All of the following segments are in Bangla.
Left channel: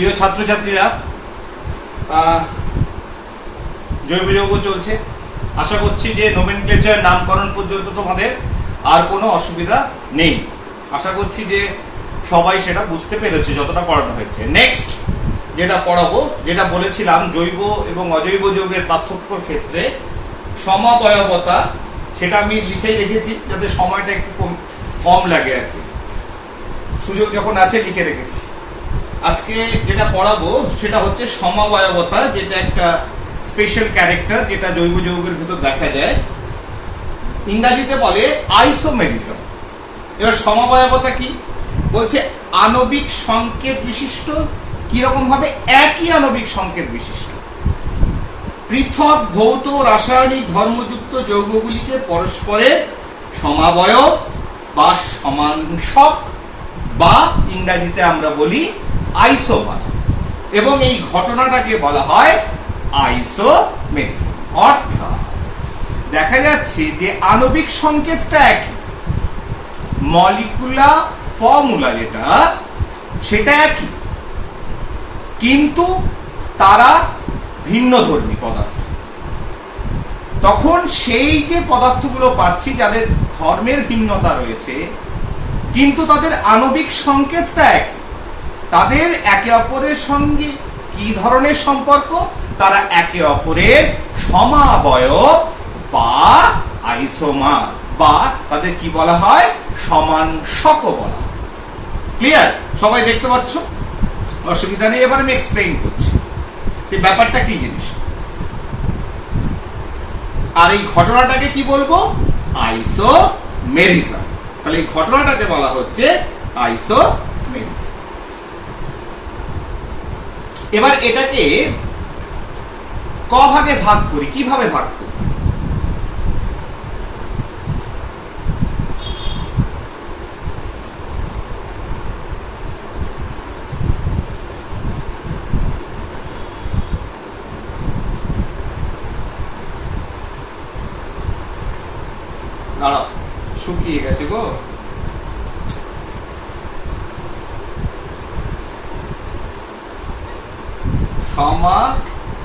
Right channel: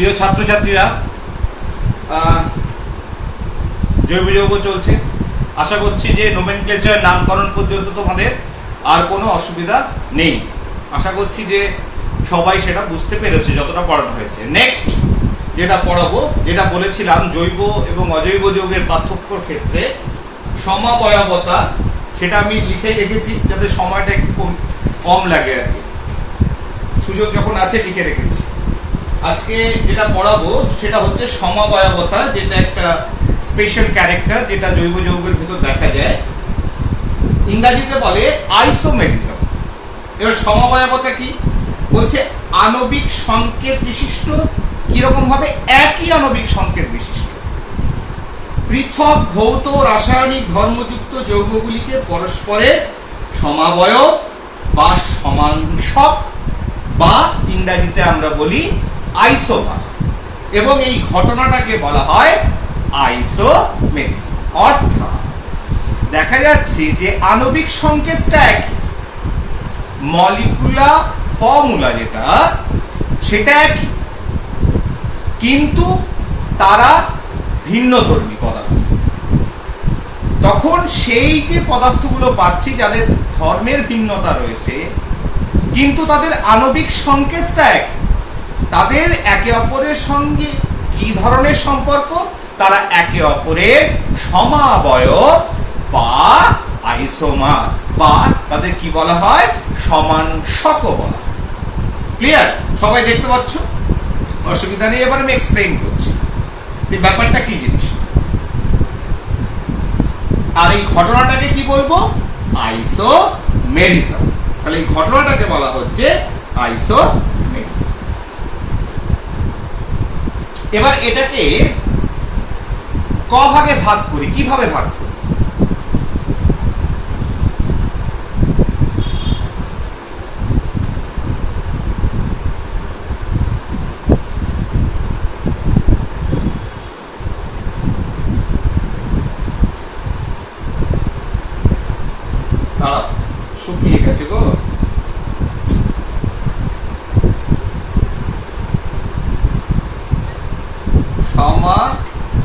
প্রিয় ছাত্রছাত্রীরা, জৈব যৌগ চলছে। আশা করছি যে নোমেনক্লেচার নামকরণ পর্যন্ত তোমাদের আর কোনো অসুবিধা নেই। আশা করছি যে সবাই সেটা বুঝতে পেরেছে যতটা পড়ানো হয়েছে। নেক্সট যেটা পড়াবো, যেটা বলেছিলাম জৈব এবং অজৈব যৌগের পার্থক্যর ক্ষেত্রে সমাবয়বতা, সেটা আমি লিখে রেখেছি যাতে সময়টা একটু কম লাগে আর কি। সুযোগ যখন আছে লিখে রেখেছি। আজকে যেটা পড়াবো সেটা হচ্ছে সমাবয়বতা, যেটা একটা স্পেশাল ক্যারেক্টার যেটা জৈব যৌগের ভিতর দেখা যায়। ইংরেজিতে বলে আইসোমেরিজম। এবার সমাবয়বতা কি বলছে? আণবিক সংকেত বিশিষ্ট, কিরকম ভাবে? একই আণবিক সংকেত বিশিষ্ট পৃথক ভৌত রাসায়নিক ধর্মযুক্ত যৌগগুলিকে পরস্পরের সমাবয়ব বা সমাংশক, বা ইংরেজিতে আমরা বলি আইসোমার, এবং এই ঘটনাটাকে বলা হয় আইসোমেরিজম। অর্থাৎ দেখা যাচ্ছে যে আণবিক সংকেতটা একই, মলিকুলার ফর্মুলা যেটা সেটা একই, কিন্তু তারা ভিন্নধর্মী পদার্থ। তখন সেই যে পদার্থগুলো পাচ্ছি যাদের ধর্মের ভিন্নতা রয়েছে কিন্তু তাদের আণবিক সংকেতটা এক, তাদের একে অপরের সঙ্গে কি ধরনের সম্পর্ক? তারা একে অপরের সমাবয়ব বা আইসোমার, বা তাদের কি বলা হয়? সমাংশক বলা হয়। ক্লিয়ার? সবাই দেখতে পাচ্ছ? অসুবিধা নেই। এবার আমি এক্সপ্লেইন করছি এই ব্যাপারটা কি জিনিস, আর এই ঘটনাটাকে কি বলবো? আইসোমেরিজম। তাহলে এই ঘটনাটাকে বলা হচ্ছে আইসোমেরিজম। এবার এটাকে ক ভাগে ভাগ করি। কিভাবে ভাগ করি? দাঁড়াও, শুকিয়ে গেছে গো। সমাবয়বতা,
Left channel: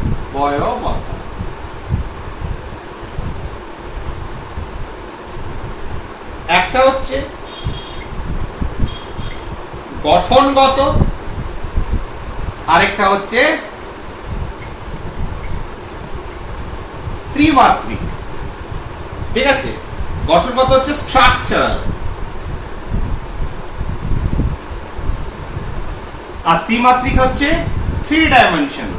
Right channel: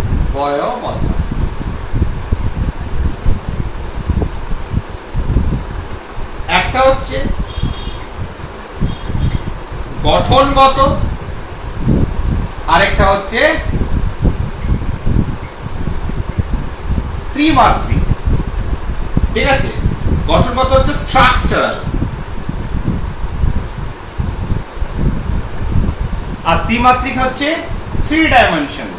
একটা হচ্ছে গঠনগত, আরেকটা হচ্ছে ত্রিমাত্রিক। ঠিক আছে? গঠনগত হচ্ছে স্ট্রাকচারাল, আর ত্রিমাত্রিক হচ্ছে 3 ডাইমেনশন।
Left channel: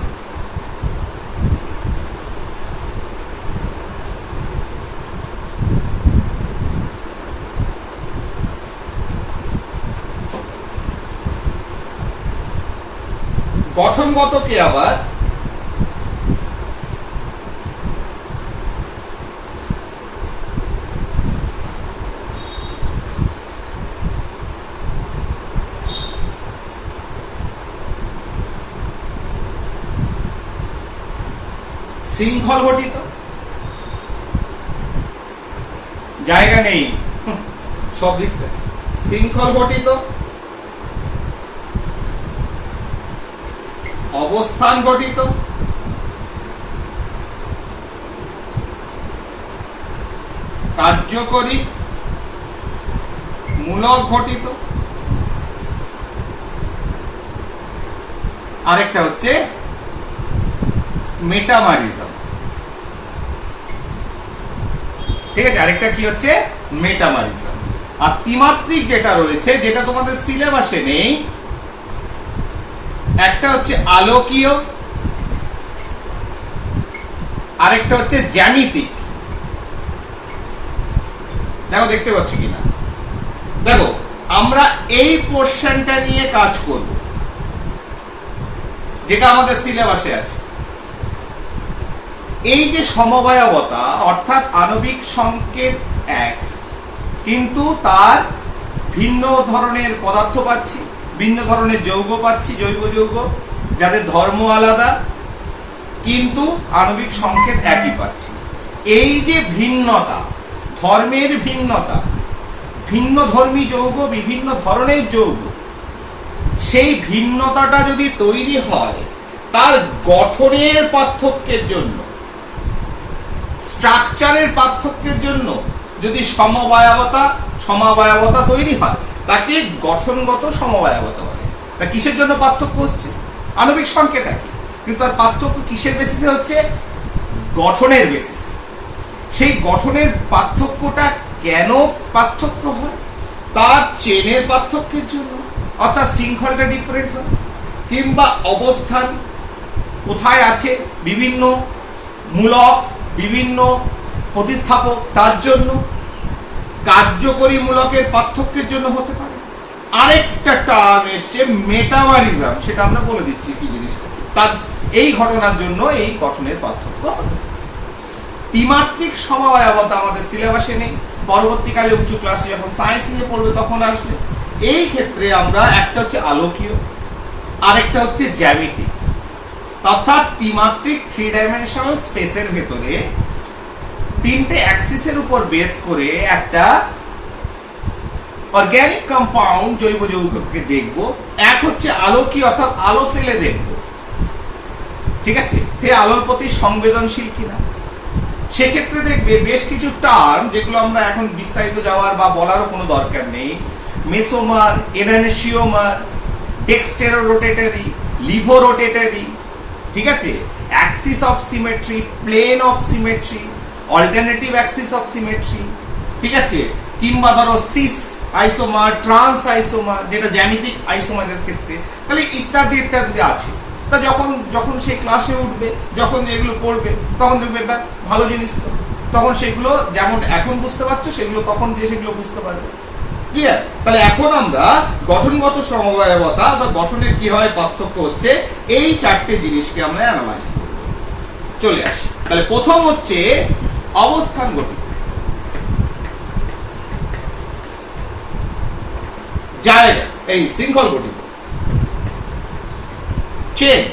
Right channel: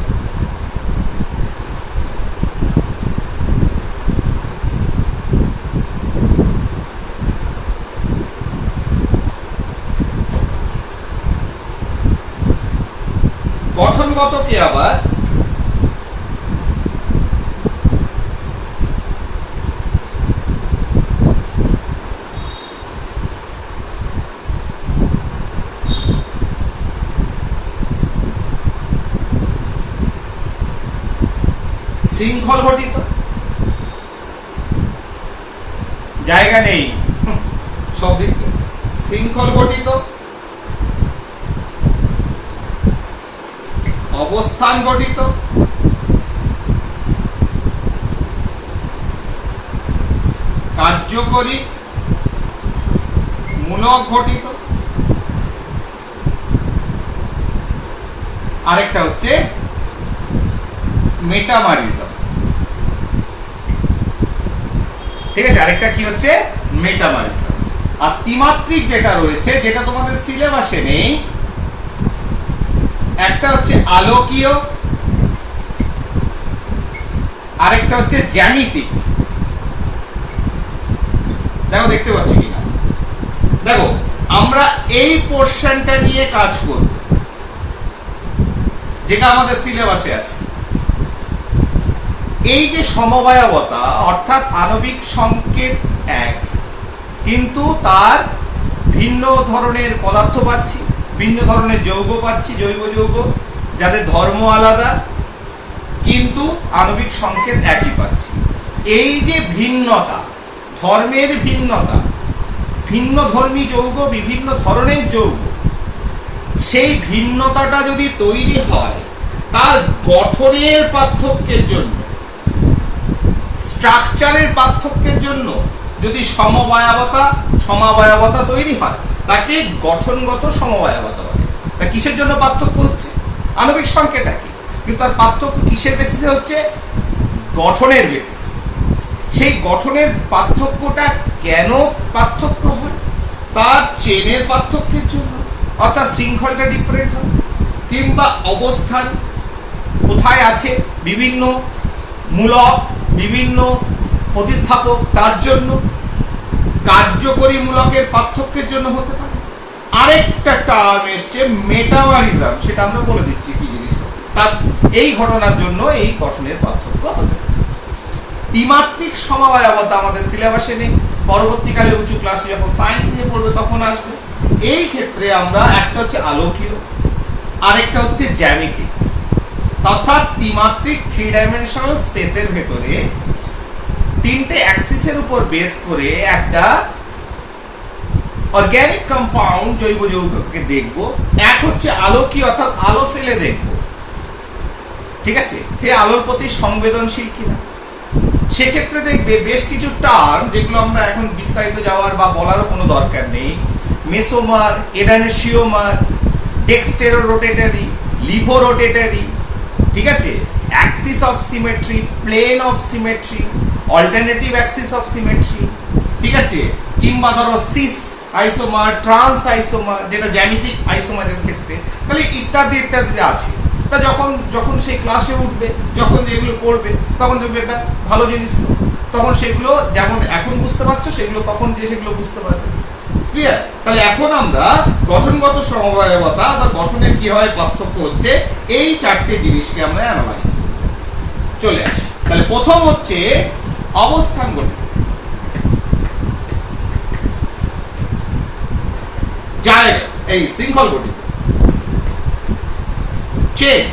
গঠনগতকে আবার শৃঙ্খল ঘটিত, জায়গা নেই সব দিক থেকে, শৃঙ্খল ঘটিত, অবস্থান ঘটিত, কার্যকরী, মূলক ঘটিত, আরেকটা হচ্ছে মেটামারিজম। ঠিক আছে? আরেকটা কি হচ্ছে? মেটামারিজম। আর ত্রিমাত্রিক যেটা রয়েছে, যেটা তোমাদের সিলেবাসে নেই, একটা হচ্ছে আলোকীয়, আরেকটা হচ্ছে জ্যামিতিক। দেখো, দেখতে পাচ্ছ কিনা? দেখো, আমরা এই পোর্শনটা নিয়ে কাজ করব যেটা আমাদের সিলেবাসে আছে। এই যে সমবায়বতা, অর্থাৎ আণবিক সংকেত এক কিন্তু তার ভিন্ন ধরনের পদার্থ পাচ্ছি, ভিন্ন ধরনের যৌগ পাচ্ছি, জৈব যৌগ যাদের ধর্ম আলাদা কিন্তু আণবিক সংকেত একই পাচ্ছি। এই যে ভিন্নতা, ধর্মের ভিন্নতা, ভিন্ন ধর্মী যৌগ, বিভিন্ন ধরনের যৌগ, সেই ভিন্নতাটা যদি তৈরি হয় তার গঠনের পার্থক্যের জন্য, স্ট্রাকচারের পার্থক্যের জন্য যদি সমাবয়বতা তৈরি হয়, তাকে গঠনগত সমবায়বতা বলে। তা কিসের জন্য পার্থক্য হচ্ছে? আণবিক সংকেত একই, কিন্তু তার পার্থক্য কিসের বেসিসে হচ্ছে? গঠনের বেসিসে। সেই গঠনের পার্থক্যটা কেন পার্থক্য হয়? তার চেনের পার্থক্যের জন্য, অর্থাৎ শৃঙ্খলটা ডিফারেন্ট হয়, কিংবা অবস্থান কোথায় আছে, বিভিন্ন মূলক, বিভিন্ন প্রতিস্থাপক, তার জন্য, কার্যকরী মূলকের পার্থক্যের জন্য হতে পারে। আরেকটা টার্ম এসছে মেটামারিজম, সেটা আমরা বলে দিচ্ছি কি জিনিস। তার এই ঘটনার জন্য এই গঠনের পার্থক্য হবে। ত্রিমাত্রিক সমবায়বতা আমাদের সিলেবাসে নেই, পরবর্তীকালে উঁচু ক্লাসে যখন সায়েন্স নিয়ে পড়বে তখন আসবে। এই ক্ষেত্রে আমরা একটা হচ্ছে আলোকীয়, আরেকটা হচ্ছে জ্যামিতিক, অর্থাৎ ত্রিমাত্রিক 3 ডাইমেনশনাল স্পেসের ভেতরে তিনটে অ্যাক্সিসের উপর বেস করে একটা অর্গানিক কম্পাউন্ড, জৈব যৌগকে দেখব। এক হচ্ছে আলোকীয়, অর্থাৎ আলো ফেলে দেখব, ঠিক আছে, সে আলোর প্রতি সংবেদনশীল কিনা। সেক্ষেত্রে দেখবে বেশ কিছু টার্ম, যেগুলো আমরা এখন বিস্তারিত যাওয়ার বা বলারও কোনো দরকার নেই, মেসোমার, এনানসিওমার, ডেক্সটেরোরোটেটরি, লিভোরোটেটরি, ঠিক আছে, axis of symmetry, plane of symmetry, alternative axis of symmetry, ঠিক আছে, কিংবা ধরো সিস আইসোমার, ট্রান্স আইসোমার, যেটা জ্যামিতিক আইসোমারের ক্ষেত্রে, তাহলে ইত্যাদি ইত্যাদি আছে। তা যখন সেই ক্লাসে উঠবে, যখন যেগুলো পড়বে, তখন দেখবে ভালো জিনিস, তখন সেগুলো যেমন এখন বুঝতে পারছো সেগুলো তখন যে সেগুলো বুঝতে পারবে। ক্লিয়ার? তাহলে এখন আমরা গঠনগত সমবায়বতা বা গঠনের কিভাবে পার্থক্য হচ্ছে এই চারটে জিনিসকে আমরা অ্যানালাইজ করব। চলে আসি। তাহলে প্রথম হচ্ছে অবস্থান গঠিত, জায়গা, এই শৃঙ্খল গঠিত, চেন,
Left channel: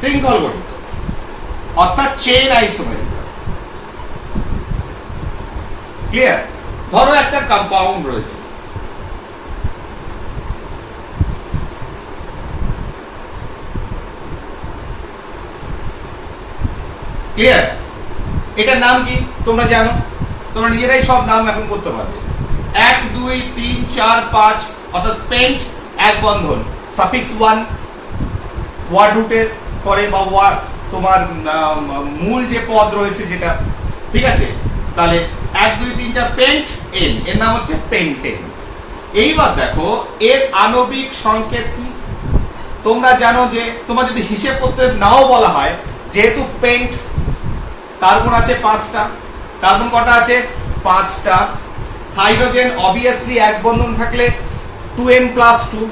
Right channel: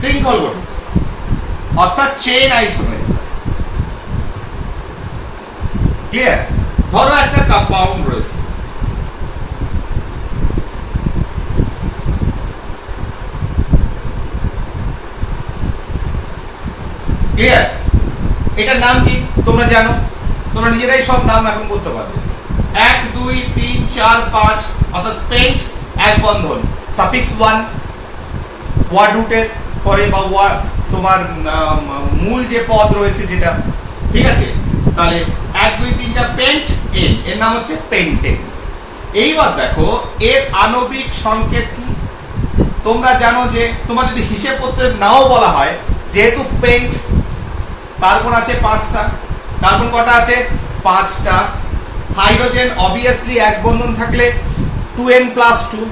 শৃঙ্খল গঠিত, অর্থাৎ চেন আইসোমেরিক। ক্লিয়ার? ধরো একটা কম্পাউন্ড রয়েছে, ক্লিয়ার? এটার নাম কি তোমরা জানো? তোমরা নিজেরাই সব নাম এখন করতে পারবে। 1 2 3 4 5, অর্থাৎ পেন্ট, এক বন্ধন, সাফিক্স 1 ওয়ার্ড রুটের পরে বা তোমার মূল যে পদ রয়েছে যেটা, ঠিক আছে, তাহলে 1 2 3 4 পেন্ট এন, এর নাম হচ্ছে পেন্টেন। এইবার দেখো এর আণবিক সংকেত কি? তোমরা জানো যে তোমার যদি হিসেব করতে নাও বলা হয়, যেহেতু পেন্ট কার্বন আছে 5টা, কার্বন কটা আছে? 5টা। হাইড্রোজেন অবভিয়াসলি এক বন্ধন থাকলে 2n+2,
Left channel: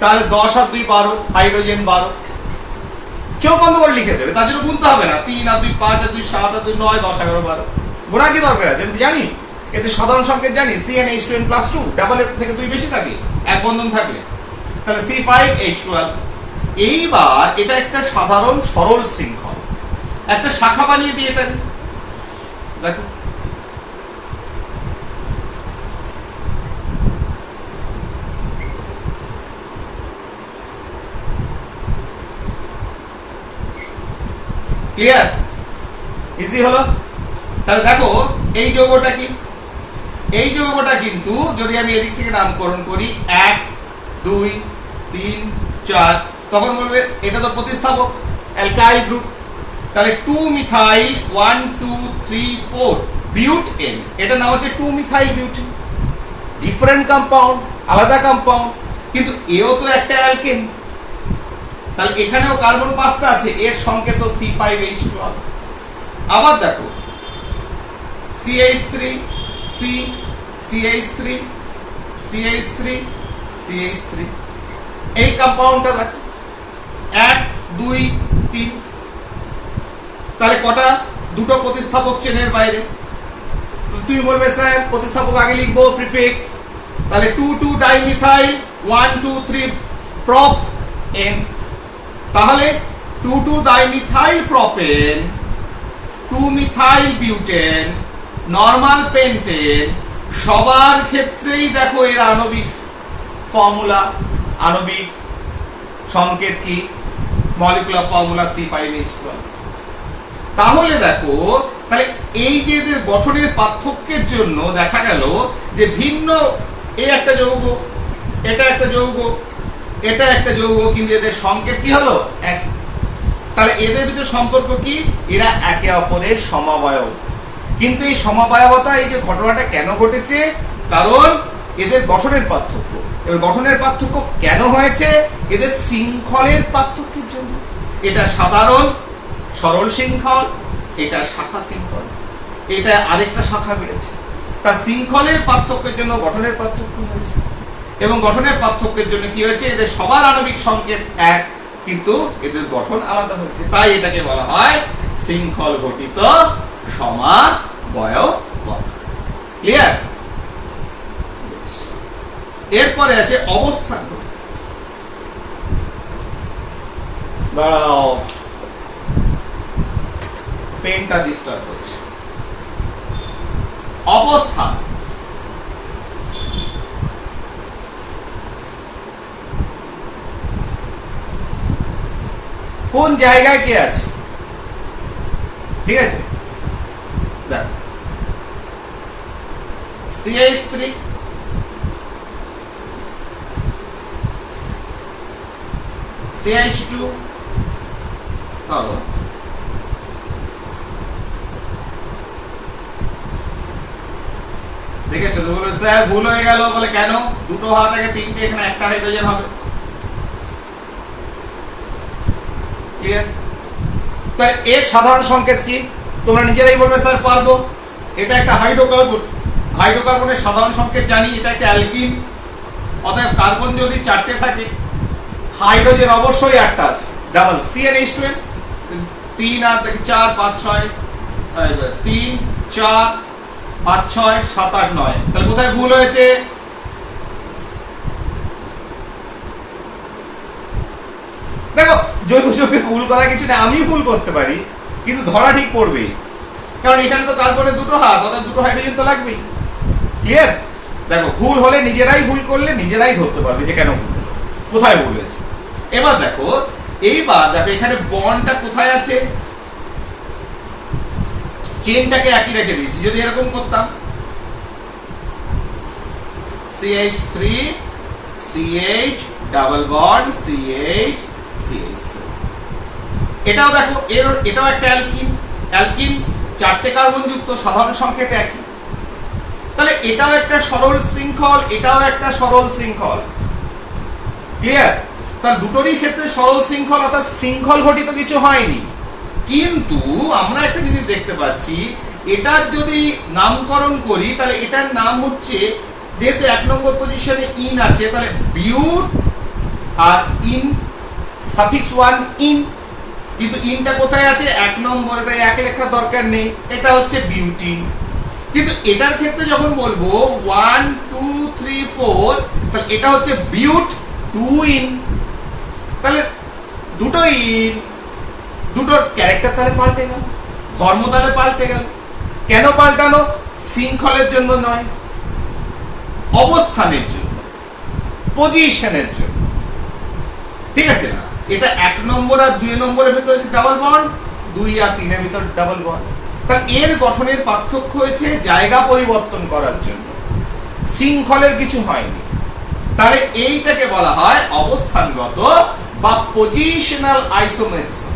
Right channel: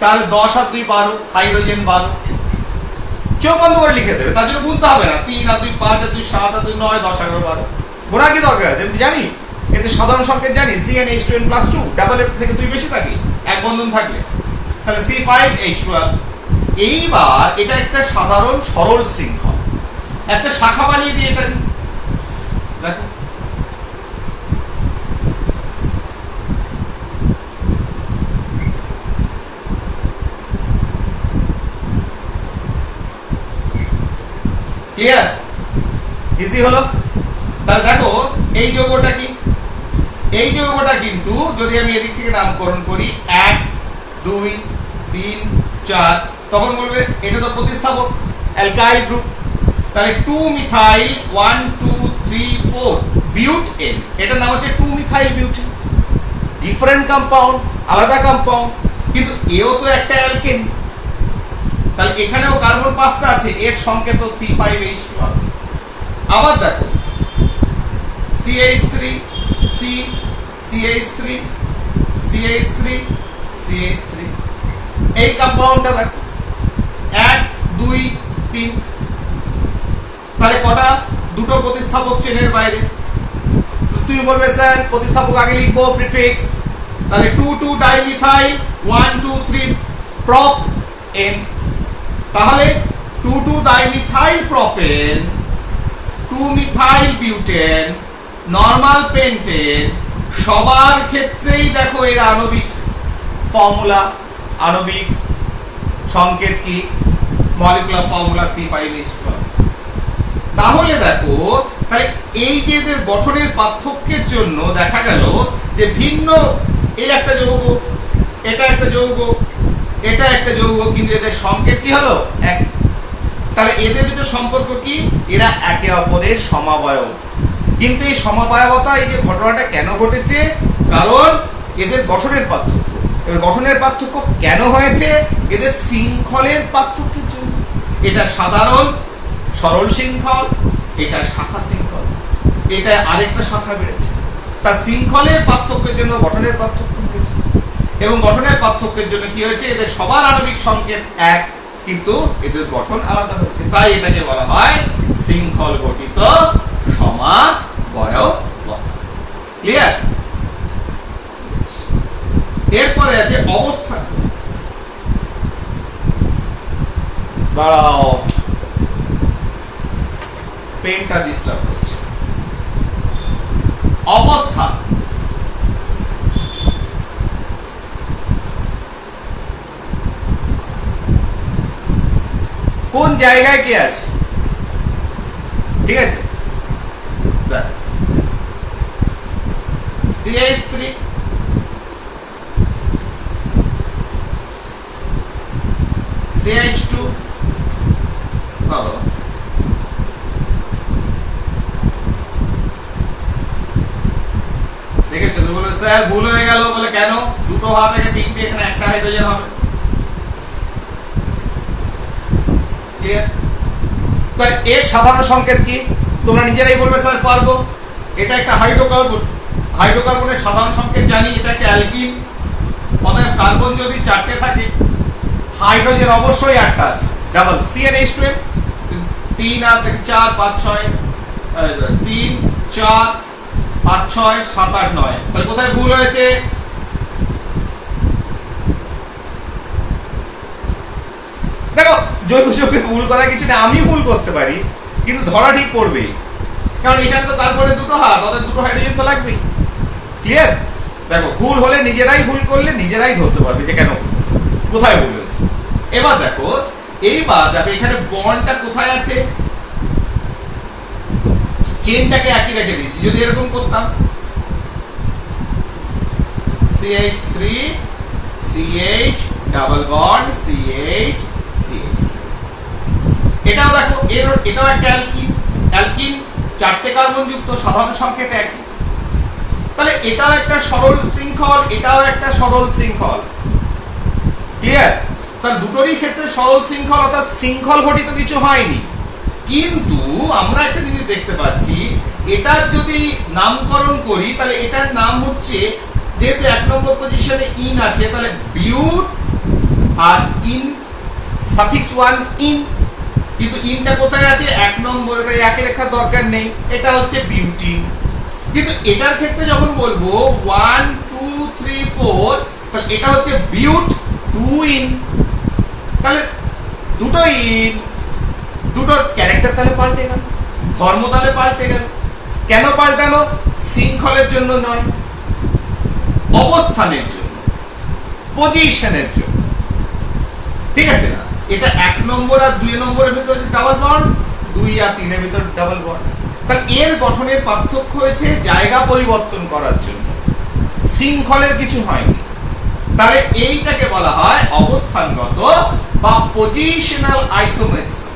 তাহলে 10 আর 2 12, হাইড্রোজেন 12। চোখ বন্ধ করে লিখে দেবে, তার জন্য গুনতে হবে না। 3 আর 2 5 আর 2 7 আর 2 9 10 11 12। গোনা কি দরকার আছে? আমি জানি এতে সাধারণ সংকেত জানি, CnH2n+2, ডাবল এর থেকে 2 বেশি থাকে এক বন্ধন থাকলে, তাহলে C5H12। এইবার এটা একটা সাধারণ সরল শৃঙ্খল, একটা শাখা বানিয়ে দিয়ে এটা দেখো, ক্লিয়ার? ইজি হলো? তাহলে দেখো এই যৌগটা কি? এই যৌগটা কিন্তু যদি আমি এদিক থেকে নামকরণ করি 1 2 3 4, তখন বলবে এটা তো প্রতিস্থাপক, অ্যালকাইল গ্রুপ। তাহলে 2 মিথাইল 1 2 3 4 বিউটেন, এটা নাম হচ্ছে 2 মিথাইল বিউটেন। ডিফারেন্ট কম্পাউন্ড, আলাদা কম্পাউন্ড, কিন্তু এও তো একটা অ্যালকেন। তাহলে এখানেও কার্বন 5টা আছে, এর সংকেত C5H12। আবার দেখো CH3 C CH3 CH3 CH3, এই কম্পাউন্ডটা দেখো 1 2 3, তাহলে কটা? দুটো প্রতিস্থাপক চেনের বাইরে। তুমি বলবে স্যার প্রতিস্থাপক আগে লিখবো প্রিফিক্স, তাহলে 2 2 ডাইমিথাইল 1 2 3 প্রপ N, তাহলে 2,2-dimethyl propane, 2-methyl butane, normal pentane সবার ক্ষেত্রেই দেখো এর আণবিক ফর্মুলা, আণবিক সংকেত কি? Molecular formula C5H12। তাহলে দেখো, তাহলে এই যে এদের গঠনের পার্থক্যের জন্য দেখা গেল যে ভিন্ন, এই একটা যৌগ, এটা একটা যৌগ, এটা একটা যৌগ, কিন্তু এদের সংকেত কি হলো? এক। তাহলে এদের ভিতরে সম্পর্ক কি? এরা একে অপরের সমাবয়ব। কিন্তু এই সমাবয়বতা, এই যে ঘটনাটা কেন ঘটেছে? কারণ এদের গঠনের পার্থক্য। এবার গঠনের পার্থক্য কেন হয়েছে? এদের শৃঙ্খলের পার্থক্যের জন্য। এটা সাধারণ সরল শৃঙ্খল, এটা শাখা শৃঙ্খল, এটা আরেকটা শাখা বেড়েছে। তার শৃঙ্খলের পার্থক্যের জন্য গঠনের পার্থক্য হয়েছে, এবং গঠনের পার্থক্যের জন্য কি হয়েছে? এদের সবার আণবিক সংকেত এক, কিন্তু এদের গঠন আলাদা হয়েছে। তাই এটাকে বলা হয় শৃঙ্খল গঠিত সমাবয়বতা। ক্লিয়ার? এরপরে আছে অবস্থান। দাঁড়াও, পেনটা ডিস্টার্ব হচ্ছে। অবস্থান। কোন জায়গায় কে আছে? ঠিক আছে, CH3, CH2, দেখেছো? তুমি বলবে স্যার ভুল হয়ে গেল। বলে কেন? দুটো হওয়া থেকে তিনটে, এখানে একটা হাইড্রোজেন হবে। তাহলে এর সাধারণ সংকেত কি? তোমরা নিজেরাই বলবে স্যার পারবো। এটা একটা হাইড্রোকার্বন, হাইড্রোকার্বনের সাধারণ সংকেত জানি, এটা একটা অ্যালকিন। অতএব কার্বন যদি 4টে থাকে, হাইড্রোজেন অবশ্যই একটা আছে, ডাবল CnH2, 3 আর 4 5 6, 3 4 5 6 7 8 9। তাহলে কোথায় ভুল হয়েছে? দেখো, জৈব যৌগে ভুল করা কিছু না, আমি ভুল করতে পারি, কিন্তু ধরা ঠিক পড়বেই, কারণ এখানে তো কার্বনের দুটো হাত, অর্থাৎ দুটো হাইড্রোজেন তো লাগবেই। ক্লিয়ার? দেখো, ভুল হলে নিজেরাই, ভুল করলে নিজেরাই ধরতে পারবে যে কেন ভুল, কোথায় ভুল হয়েছে। এবার দেখো, এখানে বন্ডটা কোথায় আছে? চেনটাকে একই রেখে দিয়েছি। যদি এরকম করতাম CH3 CH double bond CH CH3, এটাও দেখো, এটাও একটা অ্যালকিন। অ্যালকিন 4টে কার্বন যুক্ত, সাধারণ সংকেত একই। তাহলে এটাও একটা সরল শৃঙ্খল, এটাও একটা সরল শৃঙ্খল। ক্লিয়ার? তাহলে দুটোরই ক্ষেত্রে সরল শৃঙ্খল, অর্থাৎ শৃঙ্খল ঘটিত কিছু হয়নি। কিন্তু আমরা একটা জিনিস দেখতে পাচ্ছি, এটার যদি নামকরণ করি, তাহলে এটার নাম হচ্ছে, যেহেতু 1 নম্বর পজিশনে ইন আছে, তাহলে বিউট আর ইন সাফিক্স 1 ইন, কিন্তু ইনটা কোথায় আছে? 1 নম্বরে, তাই 1 লেখার দরকার নেই। এটা হচ্ছে বিউটিন। কিন্তু এটার ক্ষেত্রে যখন বলবো 1 2 3 4, তাহলে এটা হচ্ছে বিউট 2 ইন। তাহলে দুটো ইন, দুটোর ক্যারেক্টার তাহলে পাল্টে গেল, ধর্ম তাহলে পাল্টে গেল। কেন পাল্টানো? শৃঙ্খলের জন্য নয়, অবস্থানের জন্য, পজিশনের জন্য। ঠিক আছে না? এটা 1 নম্বর আর 2 নম্বরের ভিতরে ডাবল বন্ড, 2 আর 3 এর ভিতরে ডাবল বন্ড। তাহলে এর গঠনের পার্থক্য হয়েছে জায়গা পরিবর্তন করার জন্য, শৃঙ্খলের কিছু হয়নি। তাহলে এইটাকে বলা হয় অবস্থানগত বা পজিশনাল আইসোমেরিজম।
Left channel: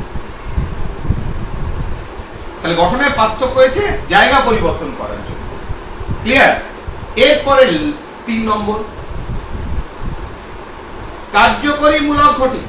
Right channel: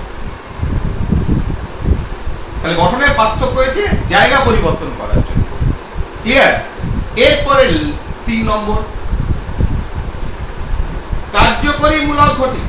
তাহলে গঠনের পার্থক্য হয়েছে জায়গা পরিবর্তন করার জন্য। ক্লিয়ার? এরপরে 3 নম্বর, কার্যকরী মূলক ঘটিত।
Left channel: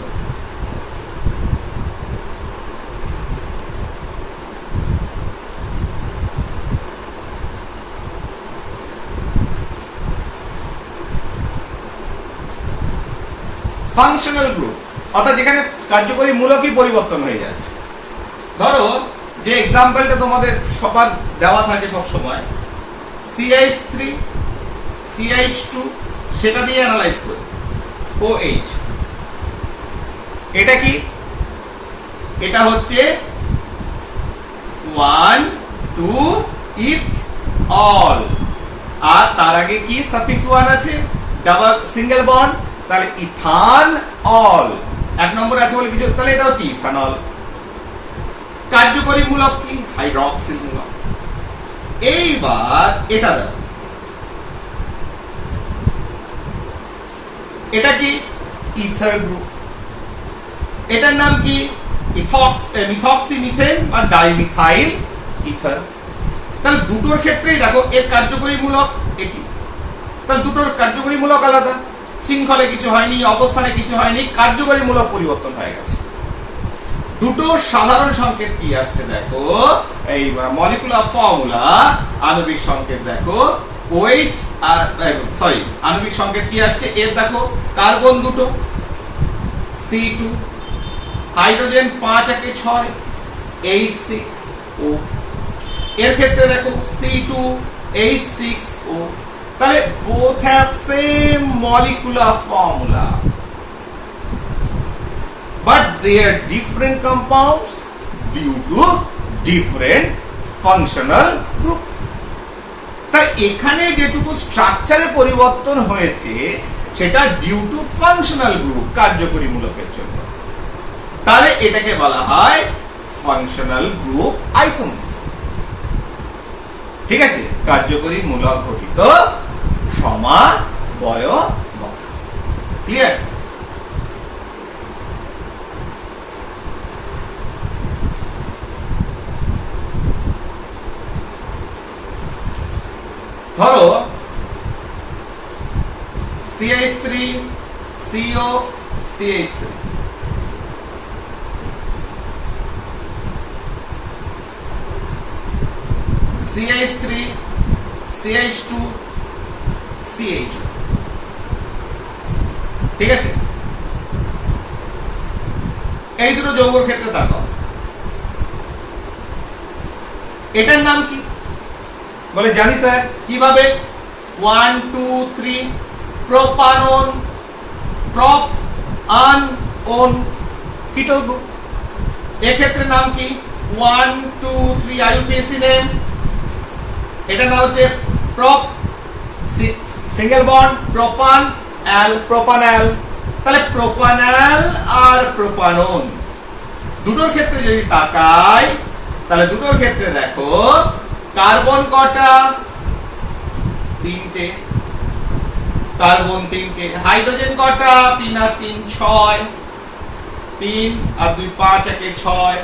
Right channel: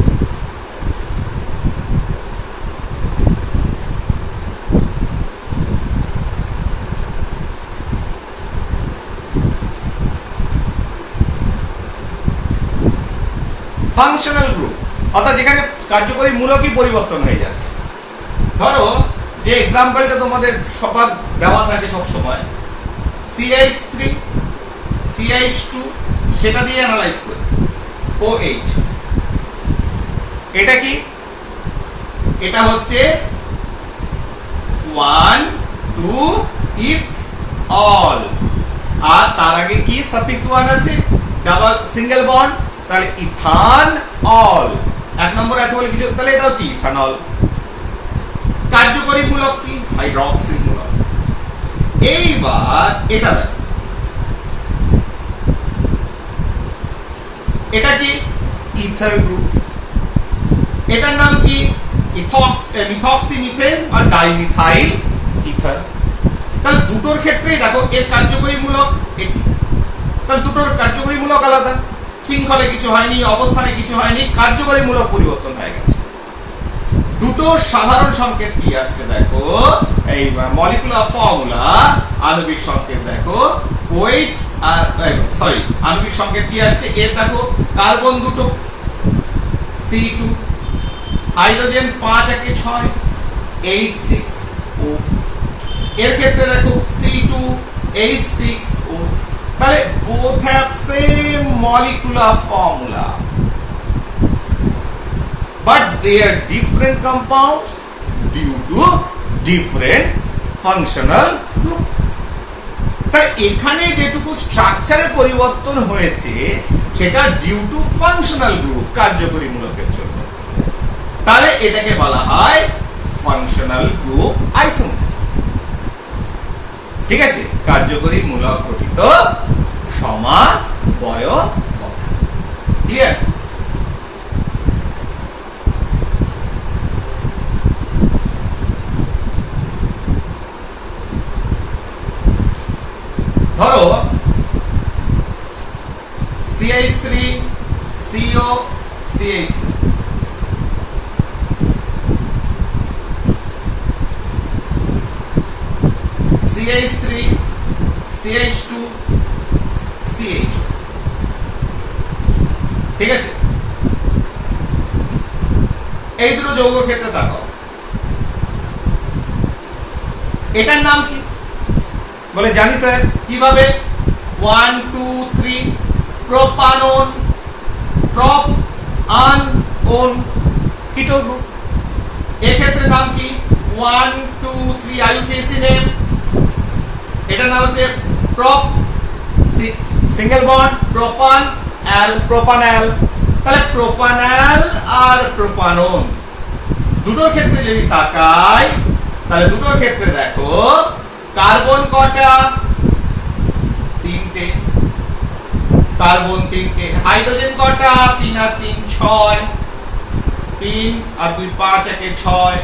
ফাংশনাল গ্রুপ, অর্থাৎ যেখানে কার্যকরী মূলকই পরিবর্তন হয়ে যাচ্ছে। ধরো, যে এক্সাম্পলটা তোমাদের সবার দেওয়া থাকে সব সময়, CH3 CH2, সেটা দিয়ে অ্যানালাইজ করি। OH, এটা কি? এটা হচ্ছে 1 2 ইথ অল, আর তার আগে কি সাফিক্স 1 আছে, ডাবল সিঙ্গেল বন্ড, তাহলে ইথান অল। এক নম্বর আছে বলে কিছু, তাহলে এটা হচ্ছে ইথানল। কার্যকরী মূলক কি, হাইড্রক্সিল মূলক। এইবার এটা দেখো, এটা কি ইথার গ্রুপ, এটার নাম কি মিথক্সিমিথেন বা ডাইমিথাইল ইথার। তাহলে দুটোর ক্ষেত্রেই দেখো এর কার্যকরী মূলক এটি, তাহলে দুটোর কার্যকরী মূলক আলাদা, শৃঙ্খলে কিছু হয়নি, অবস্থানে কিছু হয়নি, কার্যকরী মূলক পরিবর্তন হয়ে গেছে। দুটো সাধারণ সংকেত কি আসছে দেখো, এই মলিকুলার ফর্মুলা আণবিক সংকেত দেখো, OH আর সরি আণবিক সংকেত কি আসছে, এর দেখো কার্বন দুটো C2, হাইড্রোজেন 5 একে 6 H6O, এর ক্ষেত্রে দেখো C2 H6O, তাহলে both have same molecular formula but they are different compounds due to different functional group। তাই এখানে যেটুকু স্ট্রাকচারের পরিবর্তন হয়েছে সেটা ডিউ টু ফাংশনাল গ্রুপ, কার্যকরী মূলকের জন্য, তাহলে এটাকে বলা হয় ফাংশনাল গ্রুপ আইসোমারস। ঠিক আছে, কার্যকরী মূলক গঠিত সমাবয়ব। ক্লিয়ার? ধরো CH3 CO CH3, CH3 CH2 CH, ঠিক আছে? এই দুটো যৌগের ক্ষেত্রে দেখো এটার নাম কি বলে জানি স্যার, কিভাবে? 1 2 3 প্রোপানন, প্রপ আন ওন কিটো গ্রুপ। এই ক্ষেত্রে নাম কি 1 2 3 আইইউপিএসি নেম, এটার নাম হচ্ছে prop single bond propan al, propanol. তাহলে প্রোপানল আর প্রোপানন দুটোর ক্ষেত্রে যদি তাকাই, তাহলে দুটোর ক্ষেত্রে দেখো কার্বন কটা, 3টে, কার্বন 3টে, হাইড্রোজেন কটা, 3 আর 3 6, 3 আর 2 5 একে 6,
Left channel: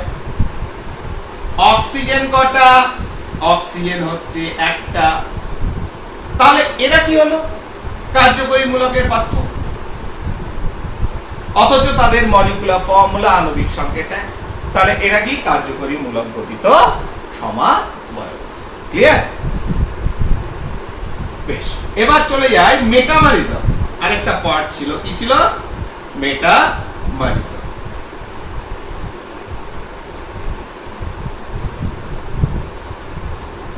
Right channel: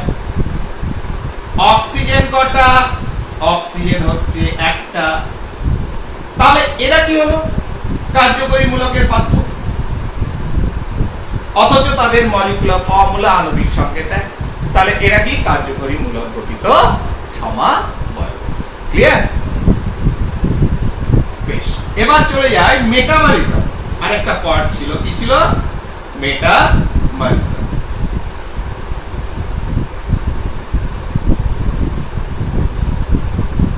অক্সিজেন কটা, অক্সিজেন হচ্ছে একটা। তাহলে এরা কি হলো? কার্যকরী মূলকের পার্থক্য, অথচ তাদের মলিকুলার ফর্মুলা আণবিক সংকেত এক। তাহলে এরা কি কার্যকরী মূলক গঠিত সমাবয়ব। ক্লিয়ার? বেশ, এবার চলে যায় মেটামারিজম। আরেকটা পার্ট ছিল, কি ছিল? মেটামারিজম।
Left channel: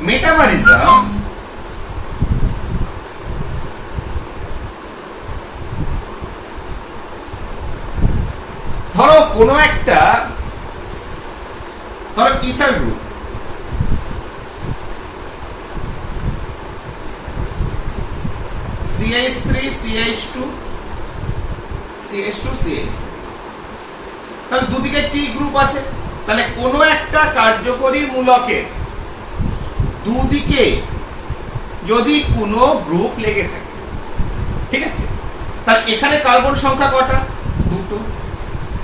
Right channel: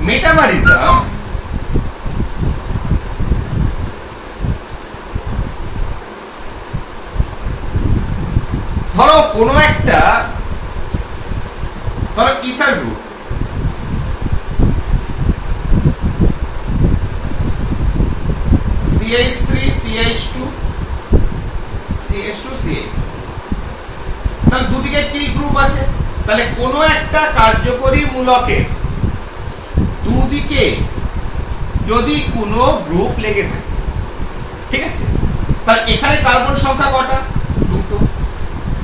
মেটামারিজম ধরো কোনো একটা, ধরো ether group, CH3 CH2 CH2 CH3, তাহলে দুদিকে কি গ্রুপ আছে? তাহলে কোনো একটা কার্যকরী মূলকের দুদিকে যদি কোনো গ্রুপ লেগে থাকে, ঠিক আছে, তাহলে এখানে কার্বন সংখ্যা কটা? 2টো।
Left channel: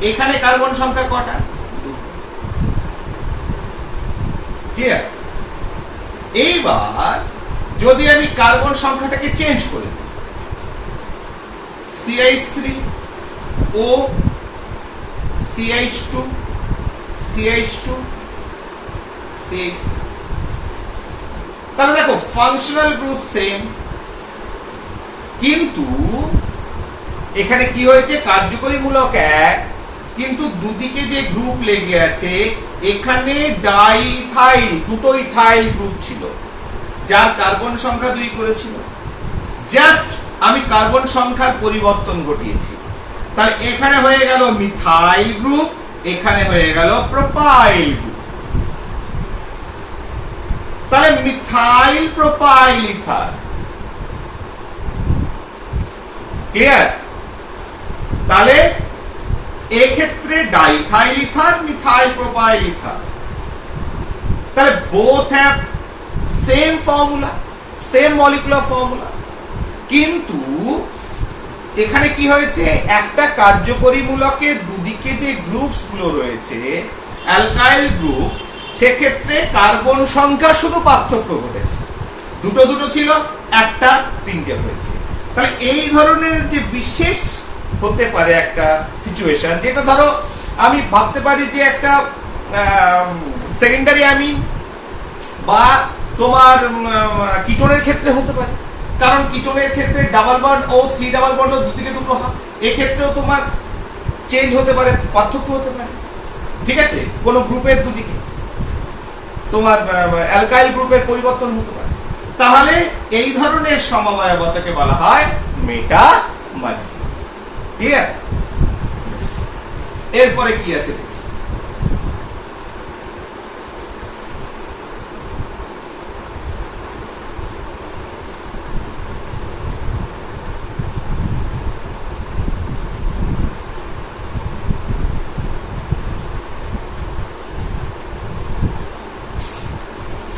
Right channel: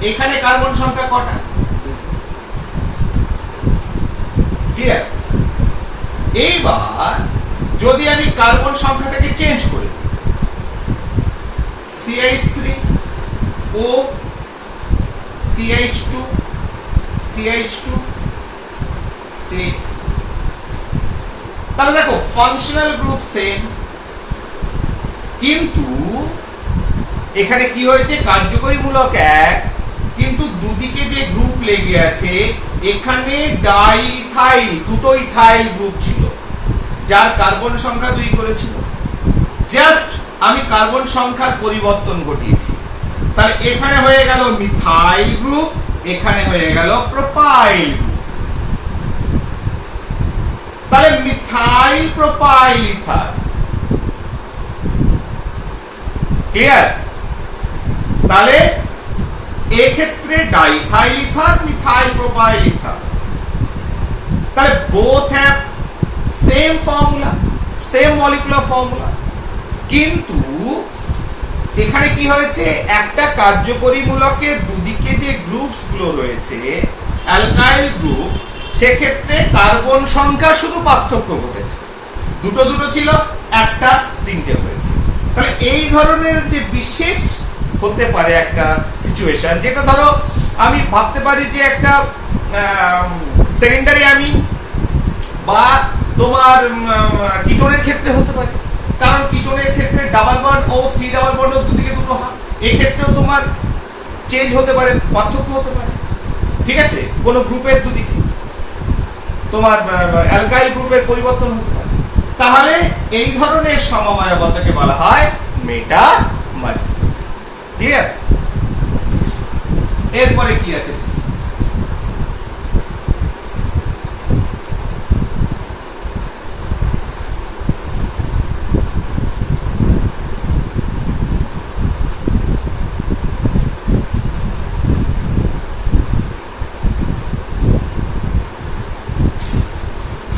এখানে কার্বন সংখ্যা কটা? 2টো। ক্লিয়ার? এইবার যদি আমি কার্বন সংখ্যাটাকে চেঞ্জ করে দিই, CH3 O CH2 CH2 CH3, তাহলে দেখো ফাংশনাল গ্রুপ সেম, কিন্তু এখানে কি হয়েছে? কার্যকরী মূলক এক, কিন্তু দুদিকে যে গ্রুপ লেগে আছে এখানে ডাইথাইল, দুটো ইথাইল গ্রুপ ছিল যার কার্বন সংখ্যা 2 করেছিল। জাস্ট আমি কার্বন সংখ্যার পরিবর্তন ঘটিয়েছি, তাহলে এখানে হয়ে গেল মিথাইল গ্রুপ এখানে হয়ে গেল প্রোপাইল গ্রুপ। তাহলে মিথাইল প্রোপাইল ইথার, ক্লিয়ার? তাহলে এক্ষেত্রে diethyl ether, methyl propyl ether, তাহলে both have same formula, same molecular formula, কিন্তু এখানে কি হয়েছে, একটা কার্যকরী মূলকের দুদিকে যে গ্রুপস গুলো রয়েছে অ্যালকাইল গ্রুপ, সেক্ষেত্রে কার্বন সংখ্যা শুধু পার্থক্য ঘটেছে, দুটো দুটো ছিল, একটা তিনটে হয়েছে। তাহলে এই ধরনের যে বিশেষ হতে পারে একটা সিচুয়েশন, যেটা ধরো আমি ভাবতে পারি যে একটা সেকেন্ডারি অ্যামিন বা তোমার কিটোনের ক্ষেত্রে হতে পারে, কারণ কিটোনের ক্ষেত্রে ডাবল বন্ড ও সি ডাবল বন্ড দুদিকে দুটো হাত, এই ক্ষেত্রেও তোমার চেঞ্জ হতে পারে, পার্থক্য হতে পারে, ঠিক আছে? কোন গ্রুপের দুদিকে তোমার অ্যালকাইল গ্রুপের পরিবর্তন হতে পারে। তাহলে এই ধরনের সমবায়বতাকে বলা হয় মেটামরফিজম, ক্লিয়ার? এরপরে কি আছে,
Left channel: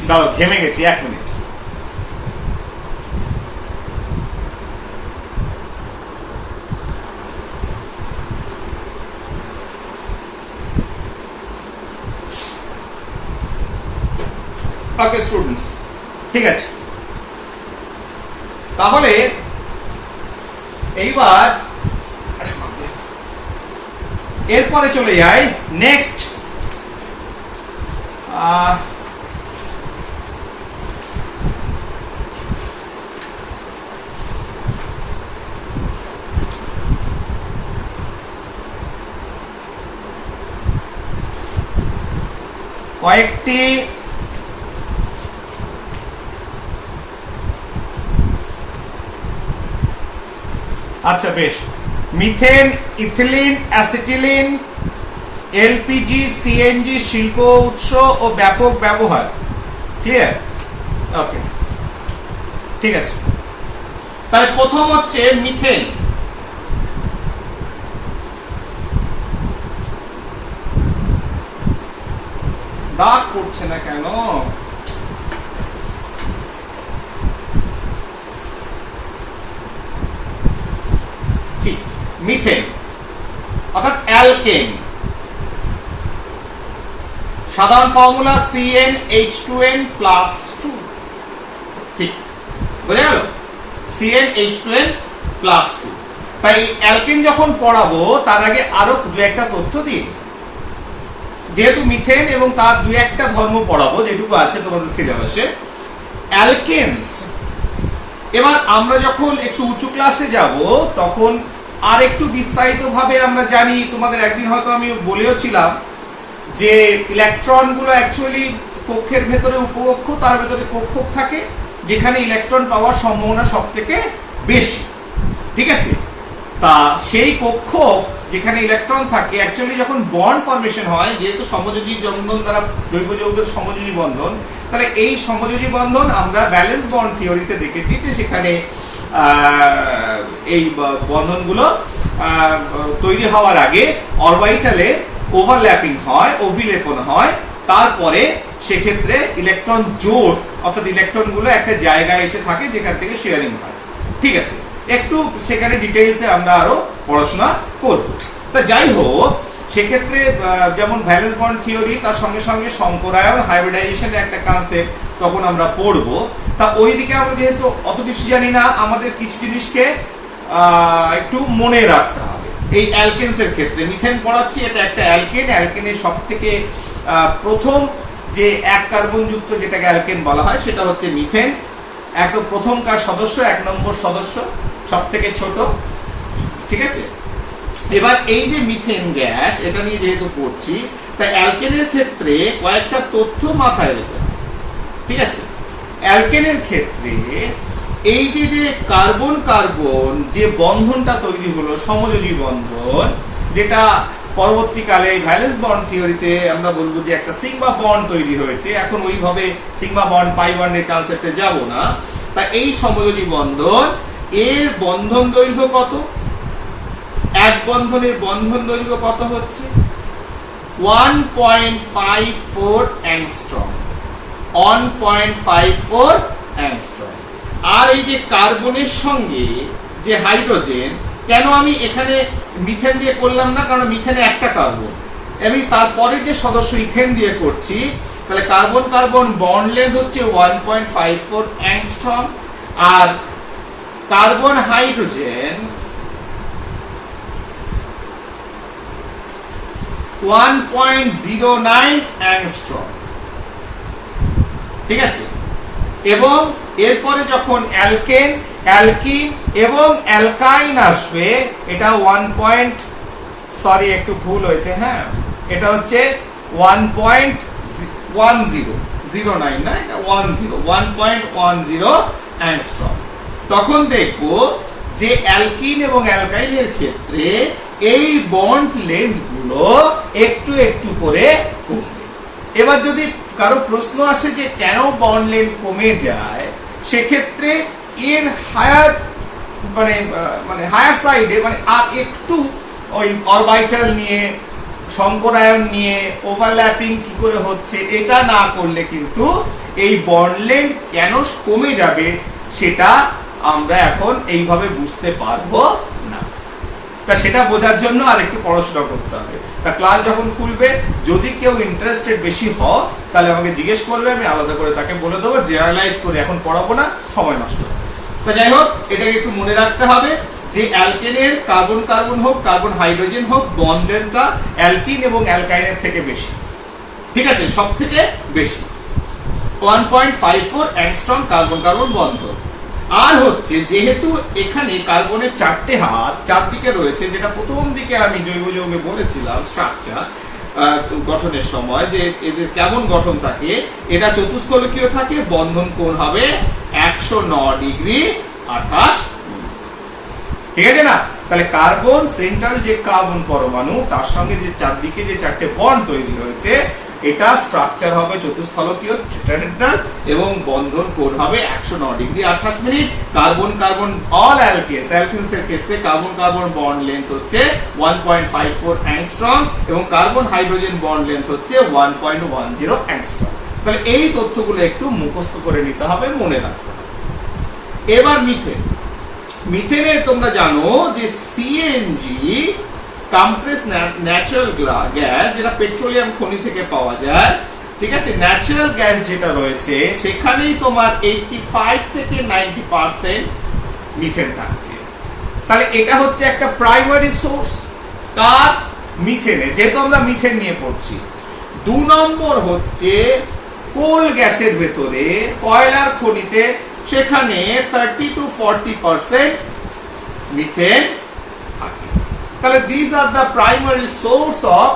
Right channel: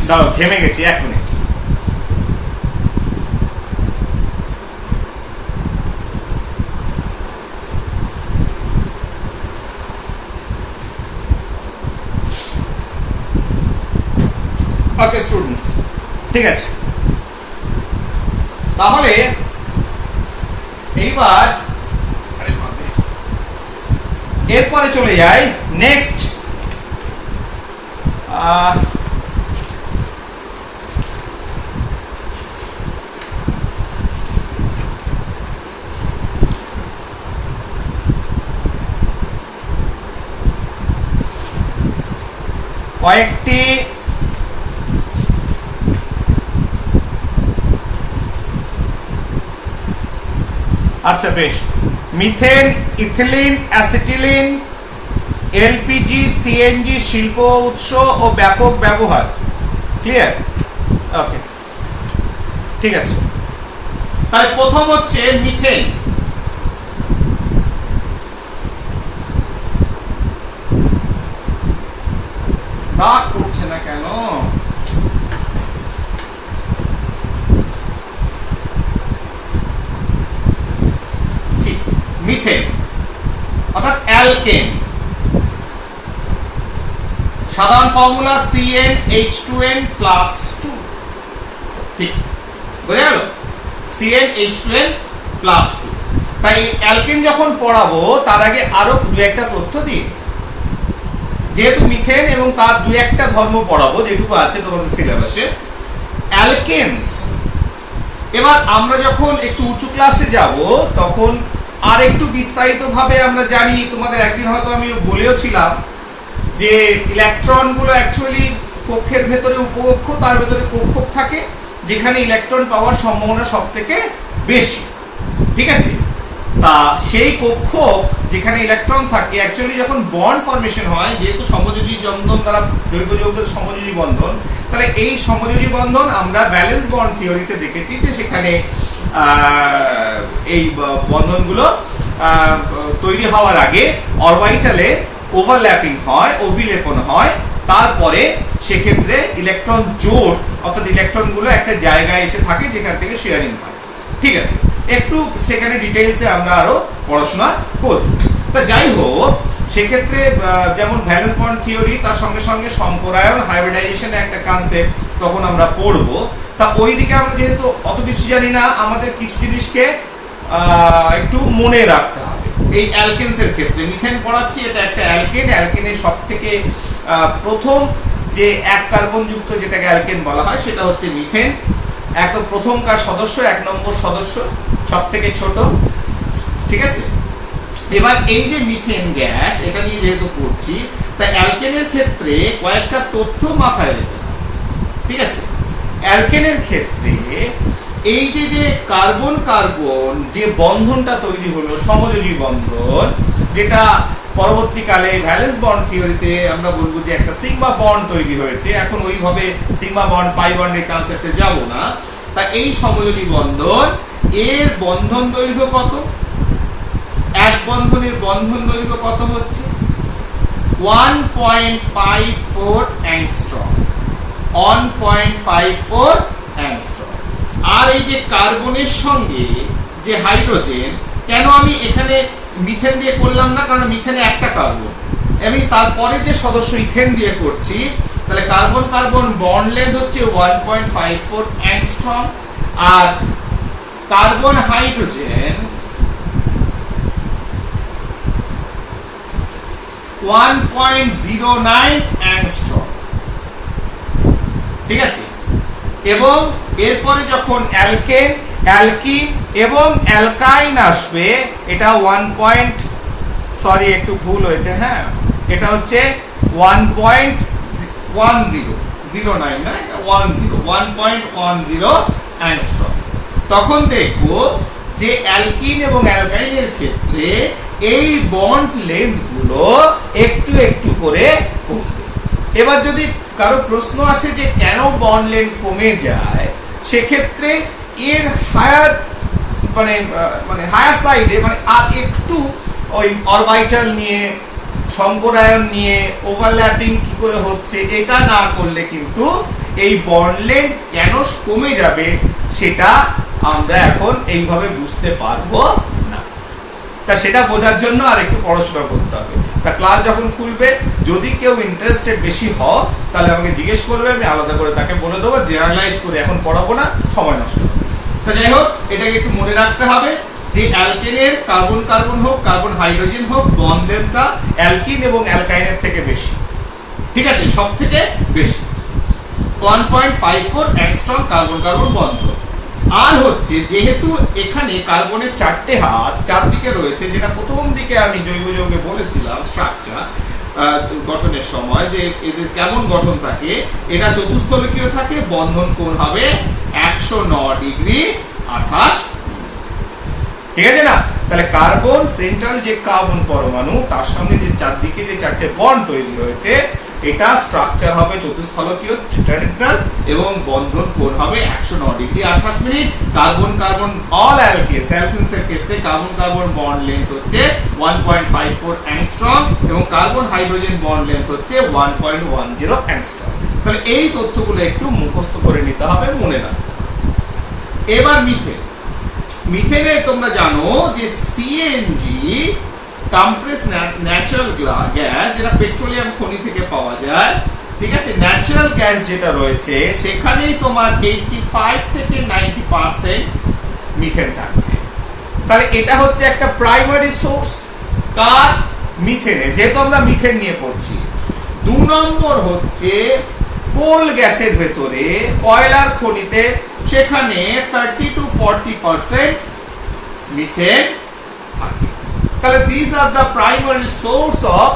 দাঁড়াও ঘেমে গেছি, 1 মিনিট। ওকে স্টুডেন্টস, ঠিক আছে। তাহলে এইবার এরপরে চলে যাই নেক্সট, কয়েকটি আচ্ছা বেশ, methane, ethylene, acetylene, LPG, CNG শিল্প উৎস ও ব্যাপক ব্যবহার, ক্লিয়ার? ওকে, ঠিক আছে। তাহলে প্রথম হচ্ছে মিথেন। দাগ পড়ছে না কেন? ঠিক, মিথেন অর্থাৎ অ্যালকেন, সাধারণ ফর্মুলা CnH2n+2, ঠিক বোঝা গেল? CnH2n+2। তাই অ্যালকেন যখন পড়াবো তার আগে আরো দু একটা তথ্য দিই, যেহেতু মিথেন এবং তার দু একটা ধর্ম পড়াবো যেটুকু আছে তোমাদের সিলেবাসে। অ্যালকেনস, এবার আমরা যখন একটু উঁচু ক্লাসে যাব তখন আর একটু বিস্তারিত ভাবে আমরা জানি, তোমাদের একদিন হয়তো আমি বলেও ছিলাম যে ইলেকট্রন গুলো অ্যাকচুয়ালি কক্ষের ভেতরে উপকক্ষ, তার ভেতরে কক্ষক থাকে, যেখানে ইলেকট্রন পাওয়ার সম্ভাবনা সব থেকে বেশি, ঠিক আছে? তা সেই কক্ষক যেখানে ইলেকট্রন থাকে, অ্যাকচুয়ালি যখন বন্ড ফরমেশন হয়, যেহেতু সমযোজী বন্ধন দ্বারা জৈব যৌগের সমযোজী বন্ধন, তাহলে এই সমযোজী বন্ধন আমরা ব্যালেন্স বন্ড থিওরিতে দেখেছি যে সেখানে এই বন্ধনগুলো তৈরি হওয়ার আগে অরবিটালে ওভারল্যাপিং হয়, অভিলেপন হয়, তারপরে সেক্ষেত্রে ইলেকট্রন জোড় অর্থাৎ ইলেকট্রনগুলো একটা জায়গায় এসে থাকে যেখান থেকে শেয়ারিং হয়, ঠিক আছে? একটু সেখানে ডিটেইলসে আমরা আরো পড়াশোনা করব। তা যাই হোক, সেক্ষেত্রে যেমন ভ্যালেন্স বন্ড থিওরি, তার সঙ্গে সঙ্গে সংকরায়ন, হাইব্রিডাইজেশনের একটা কনসেপ্ট তখন আমরা পড়ব। তা ওইদিকে আমরা যেহেতু অত কিছু জানি না, আমাদের কিছু জিনিসকে একটু মনে রাখতে হবে। এই অ্যালকেনসের ক্ষেত্রে মিথেন পড়াচ্ছি, এটা একটা অ্যালকেন। অ্যালকেনের সব থেকে প্রথম যে এক কার্বন যুক্ত যেটাকে অ্যালকেন বলা হয় সেটা হচ্ছে মিথেন। একদম প্রথমকার সদস্য, 1 নম্বর সদস্য, সব থেকে ছোট, ঠিক আছে? এবার এই যে মিথেন গ্যাস, এটা নিয়ে যেহেতু পড়ছি, তাই অ্যালকেনের ক্ষেত্রে কয়েকটা তথ্য মাথায় রেখে, ঠিক আছে? অ্যালকেনের ক্ষেত্রে এই যে কার্বন কার্বন যে বন্ধনটা তৈরি হলো, সমযোজী বন্ধন, যেটা পরবর্তীকালে ভ্যালেন্স বন্ড থিওরিতে আমরা বলবো যে একটা সিগমা বন্ড তৈরি হয়েছে। এখন ওইভাবে সিগমা বন্ড পাই বন্ডের কনসেপ্টে যাব না। তা এই সমযোজী বন্ধন এর বন্ধন দৈর্ঘ্য কত? এক বন্ধনের বন্ধন দৈর্ঘ্য কত হচ্ছে? 1.54 অ্যাংস্ট্রম। 1.54 অ্যাংস্ট্রম। আর এই যে কার্বনের সঙ্গে যে হাইড্রোজেন, কেন আমি এখানে মিথেন দিয়ে করলাম না? কারণ মিথেনে একটা কার্বন, আমি তারপরে যে সদস্য ইথেন দিয়ে করছি, তাহলে কার্বন কার্বন বন্ড লেন্থ হচ্ছে 1.54 অ্যাংস্ট্রম, আর কার্বন হাইড্রোজেন 1.09 অ্যাংস্ট্রম। ঠিক আছে? এবং এরপরে যখন অ্যালকেন, অ্যালকিন এবং অ্যালকাইন আসবে, এটা একটু ভুল হয়েছে, হ্যাঁ, এটা হচ্ছে 1.1009 না, এটা 1.10 অ্যাংস্ট্রম। তখন দেখব যে অ্যালকিন এবং অ্যালকাইনের ক্ষেত্রে এই বন্ড লেন্থ গুলো একটু একটু করে কমবে। এবার যদি কারো প্রশ্ন আসে যে কেন বন্ড লেন্থ কমে যায়, সেক্ষেত্রে এর হায়ার হায়ার সাইডে আর একটু ওই অরবিটাল নিয়ে, সংকরায়ন নিয়ে, ওভারল্যাপিং কি করে হচ্ছে এটা না করলে কিন্তু এই বন্ড লেন্থ কেন কমে যাবে সেটা আমরা এখন এইভাবে বুঝতে পারবো না। তা সেটা বোঝার জন্য আর একটু পড়াশোনা করতে হবে। তা ক্লাস যখন খুলবে, যদি কেউ ইন্টারেস্টেড বেশি হয় তাহলে আমাকে জিজ্ঞেস করবে, আমি আলাদা করে তাকে বলে দেবো। জেনারেলাইজ করে এখন পড়াবো না, সময় নষ্ট হবে। তা যাই হোক, এটাকে একটু মনে রাখতে হবে যে অ্যালকেনের কার্বন কার্বন হোক, কার্বন হাইড্রোজেন হোক, বন্ড লেন্থটা অ্যালকিন এবং অ্যালকাইনের থেকে বেশি। ঠিক আছে? সব থেকে বেশি 1.54 অ্যাংস্ট্রম কার্বন কার্বন বন্ধ। আর হচ্ছে, যেহেতু এখানে কার্বনের চারটে হাত চারদিকে রয়েছে, যেটা প্রথম দিকে আমি জৈব যৌগে বলেছিলাম স্ট্রাকচার গঠনের সময় যে এদের কেমন গঠন থাকে, এটা চতুস্থলকীয় থাকে, বন্ধন কোণ হবে 109 ডিগ্রি 28 মিনিট। ঠিক আছে না? তাহলে কার্বন সেন্ট্রাল যে কার্বন পরমাণু, তার সঙ্গে যে চারদিকে যে চারটে বন্ড তৈরি হয়েছে, এটা স্ট্রাকচার হবে চতুস্থলকীয় টেট্রাহেড্রাল এবং বন্ধন কোণ হবে 109 degree 28 minute. Carbon carbon all alkanes, alkanes এর ক্ষেত্রে কার্বন কার্বন বন্ড লেন্থ হচ্ছে 1.54 অ্যাংস্ট্রম এবং কার্বন হাইড্রোজেন বন্ড লেন্থ হচ্ছে 1.10 অ্যাংস্ট্রম। তাহলে এই তথ্যগুলো একটু মুখস্থ করে নিতে হবে, মনে রাখতে হবে। এবার মিথেন। মিথেনে তোমরা জানো যে সিএনজি, কম্প্রেস ন্যাচারাল গ্যাস, যেটা পেট্রোলিয়াম খনি থেকে পাওয়া যায়। ঠিক আছে? ন্যাচারাল গ্যাস যেটা রয়েছে, সেখানেই তোমার 85 থেকে 90% মিথেন থাকছে। তাহলে এটা হচ্ছে একটা প্রাইমারি সোর্স কার? মিথেনে, যেহেতু আমরা মিথেন নিয়ে পড়ছি। 2 নম্বর হচ্ছে কোল গ্যাসের ভেতরে, কয়লার খনিতে, সেখানে 30 to 40% মিথেন থাকে। তাহলে these are the primary source of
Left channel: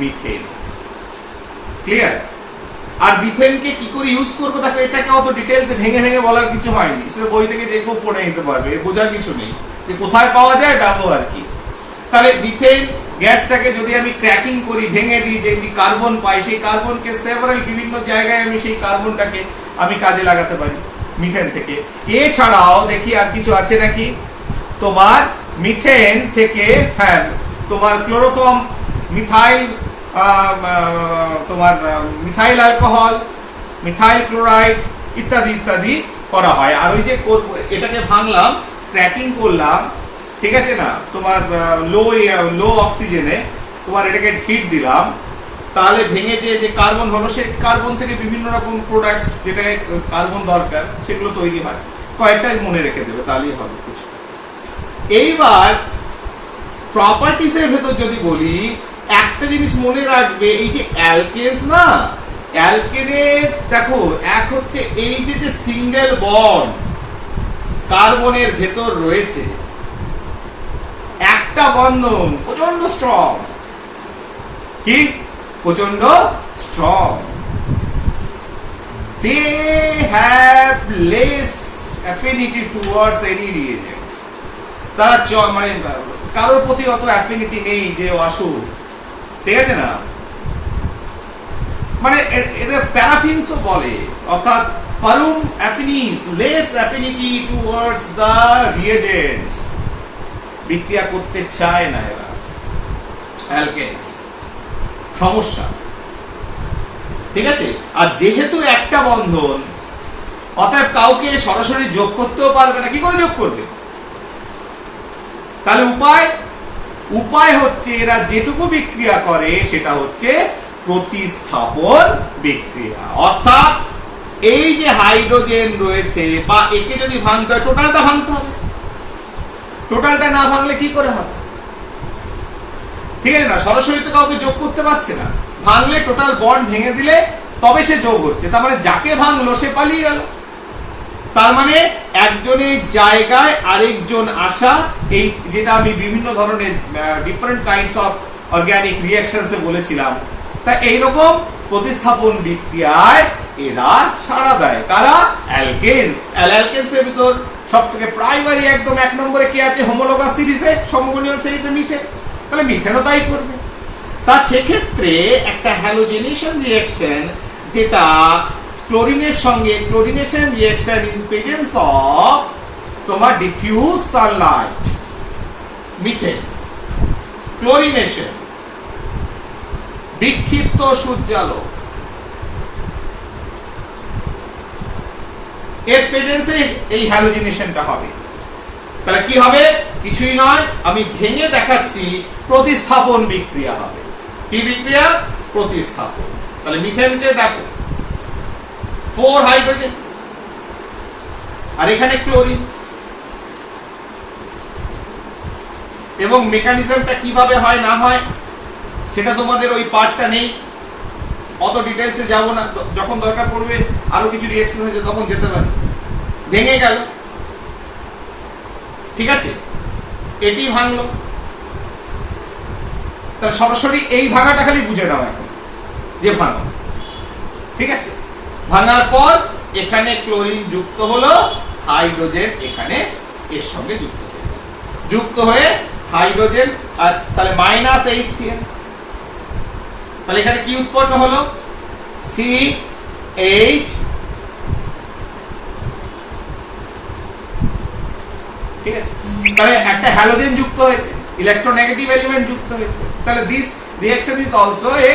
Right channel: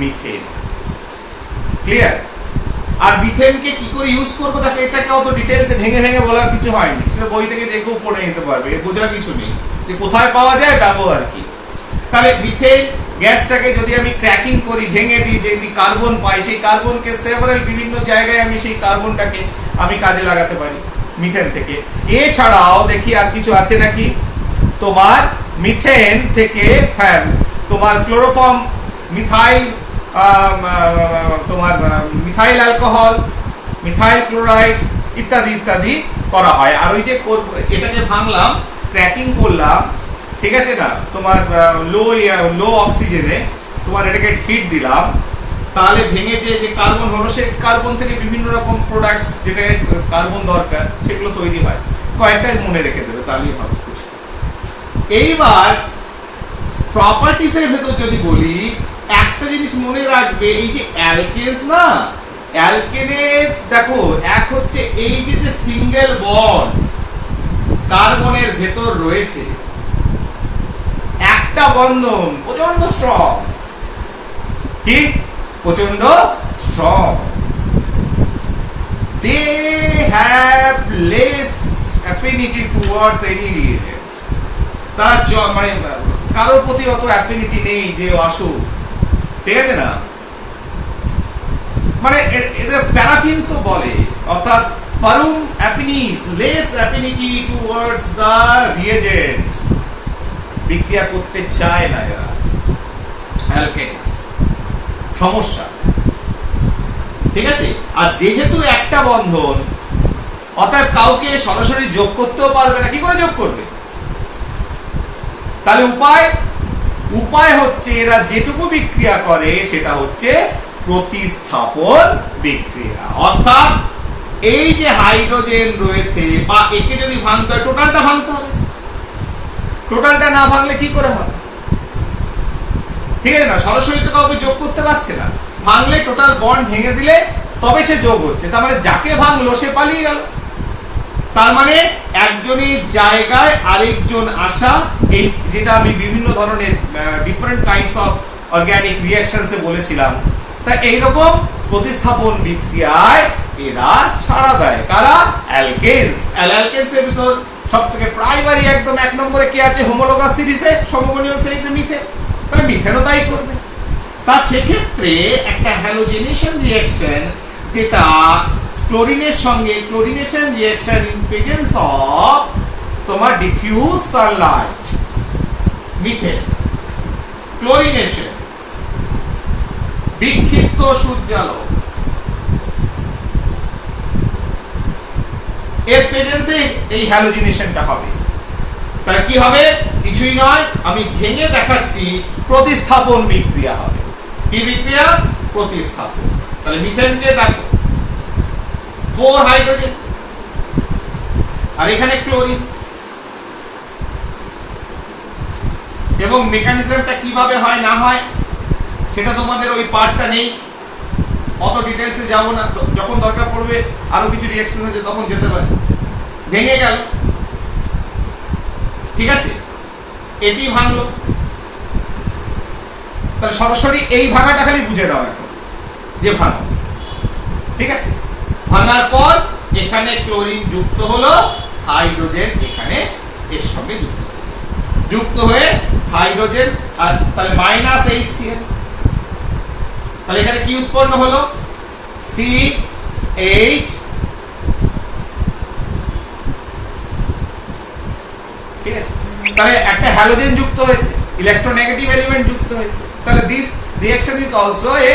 methane. Clear? আর মিথেনকে কি করে ইউজ করবো, দেখো এটাকে অত ডিটেইলসে ভেঙে ভেঙে বলার কিছু হয়নি, সেটা বই থেকে দেখেও পড়ে নিতে পারবে, বোঝার কিছু নেই যে কোথায় পাওয়া যায়, ব্যবহার কি। তাহলে মিথেন গ্যাসটাকে যদি আমি ক্র্যাকিং করি, ভেঙে দিই, যে কার্বন পাই, সেই কার্বনকে সেভারাল বিভিন্ন জায়গায় আমি সেই কার্বনটাকে আমি কাজে লাগাতে পারি মিথেন থেকে। এছাড়াও দেখি আর কিছু আছে নাকি। তোমার মিথেন থেকে, হ্যাঁ, তোমার ক্লোরোফর্ম, মিথাইল, তোমার মিথাইল অ্যালকোহল, মিথাইল ক্লোরাইড ইত্যাদি ইত্যাদি করা হয়। আর ওই যে এটাকে ভাঙলাম, ক্র্যাকিং করলাম, ঠিক আছে না, তোমার লো অক্সিজেনে তোমার এটাকে হিট দিলাম, তাহলে ভেঙে যে কার্বন হলো, সেই কার্বন থেকে বিভিন্ন রকম প্রোডাক্টস, যেটাকে কার্বন দরকার, সেগুলো তৈরি হয়। কয়েকটাই মনে রেখে দেবে, তাহলেই হবে কিছু। এইবার প্রপার্টিস এর ভেতর যদি বলি, একটা জিনিস মনে রাখবে, এই যে অ্যালকেনস না, অ্যালকেনে দেখো, এক হচ্ছে এই যে সিঙ্গেল বন্ড কার্বনের ভেতর রয়েছে, একটা বন্ধন প্রচন্ড স্ট্রং, কি প্রচন্ড strong. They have less affinity towards any reagent. তারা কারোর প্রতি অত অ্যাফিনিটি নেই যে আসুক, ঠিক আছে না, মানে এদের প্যারাফিনসও বলে, অর্থাৎ parum affinis, less affinity towards the reagents, বিক্রিয়া করতে চায় না এরা অ্যালকেনস, সমস্যা। ঠিক আছে, আর যেহেতু একটা বন্ধন, অতএব কাউকে সরাসরি যোগ করতেও পারবে না। কি করে যোগ করবে? তাহলে উপায় হচ্ছে এরা যেটুকু বিক্রিয়া করে সেটা হচ্ছে প্রতিস্থাপন বিক্রিয়া। অর্থাৎ এই যে হাইড্রোজেন রয়েছে, বা একে যদি ভাঙতে হয় টোটালটা ভাঙতে হবে, টোটালটা না ভাঙলে কি করে হবে? ঠিক আছে না, সরাসরি তো কাউকে যোগ করতে পারছে না, ভাঙলে টোটাল বন্ড ভেঙে দিলে তবে সে যোগ হচ্ছে। তার মানে যাকে ভাঙলো সে পালিয়ে গেল, তার মানে একজনের জায়গায় আরেকজন আসা, এই যেটা আমি বিভিন্ন ধরনের ডিফারেন্ট কাইন্ডস অফ অর্গানিক রিঅ্যাকশনসে বলেছিলাম। তা এইরকম প্রতিস্থাপন বিক্রিয়ায় এরা সাড়া দেয়। কারা? অ্যালকেনস। অ্যালকেনসের ভিতর সবথেকে প্রাইমারি একদম এক নম্বরে কে আছে? হোমোলোগাস সিরিজে, সমগোনীয় সিরিজে মিথেন। তাহলে মিথেনও তাই করবে। তা সেক্ষেত্রে একটা হ্যালোজেনেশন রিঅ্যাকশন, যেটা ক্লোরিনের সঙ্গে chlorination reaction in presence of তোমার ডিফিউজ সানলাইট, মিথেন, ক্লোরিনেশন, বিক্ষিপ্ত সূর্যালোক, এর প্রেজেন্সে এই হ্যালোজেনেশনটা হবে। তাহলে কি হবে? কিছুই নয়, আমি ভেঙে দেখাচ্ছি, প্রতিস্থাপন বিক্রিয়া হবে। কি বিক্রিয়া? প্রতিস্থাপন। তাহলে মিথেনকে দেখো 4 হাইড্রোজেন, আর এখানে ক্লোরিন, এবং মেকানিজমটা কিভাবে হয় না হয় সেটা তোমাদের ওই পার্টটা নেই, অত ডিটেলসে যাব না। যখন দরকার পড়বে আরো কিছু রিঅ্যাকশন হয়েছে তখন যেতে পারে। ভেঙে গেল, ঠিক আছে, এটি ভাঙলো। তাহলে সরাসরি এই ভাঙাটা খালি বুঝে নাও এখন, যে ভাঙো, ঠিক আছে। ভাঙার পর এখানে ক্লোরিন যুক্ত হলো, হাইড্রোজেন এখানে এর সঙ্গে যুক্ত হয়ে হাইড্রোজেন, আর তাহলে মাইনাস HCl। তাহলে এখানে কি উৎপন্ন হলো? CH, ঠিক আছে। তাহলে একটা হ্যালোজেন যুক্ত হয়েছে, ইলেকট্রোনেগেটিভ এলিমেন্ট যুক্ত হয়েছে। তাহলে this reaction is also a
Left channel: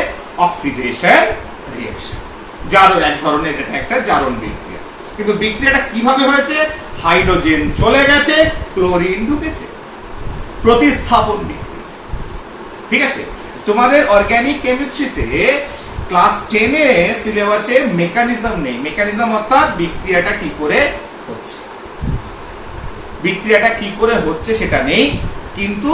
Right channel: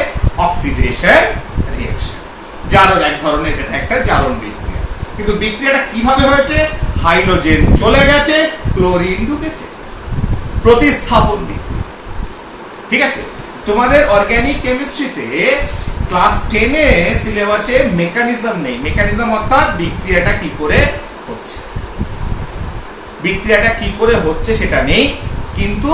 oxidation reaction. জারণ, এক ধরনের এটা একটা জারণ বিক্রিয়া। কিন্তু বিক্রিয়াটা কিভাবে হয়েছে? হাইড্রোজেন চলে গেছে, ক্লোরিন ঢুকেছে, প্রতিস্থাপন বিক্রিয়া। ঠিক আছে, তোমাদের অর্গানিক কেমিস্ট্রিতে ক্লাস 10 এ সিলেবাসে মেকানিজম নেই। মেকানিজম অর্থাৎ বিক্রিয়াটা কি করে হচ্ছে, বিক্রিয়াটা কি করে হচ্ছে সেটা নেই। কিন্তু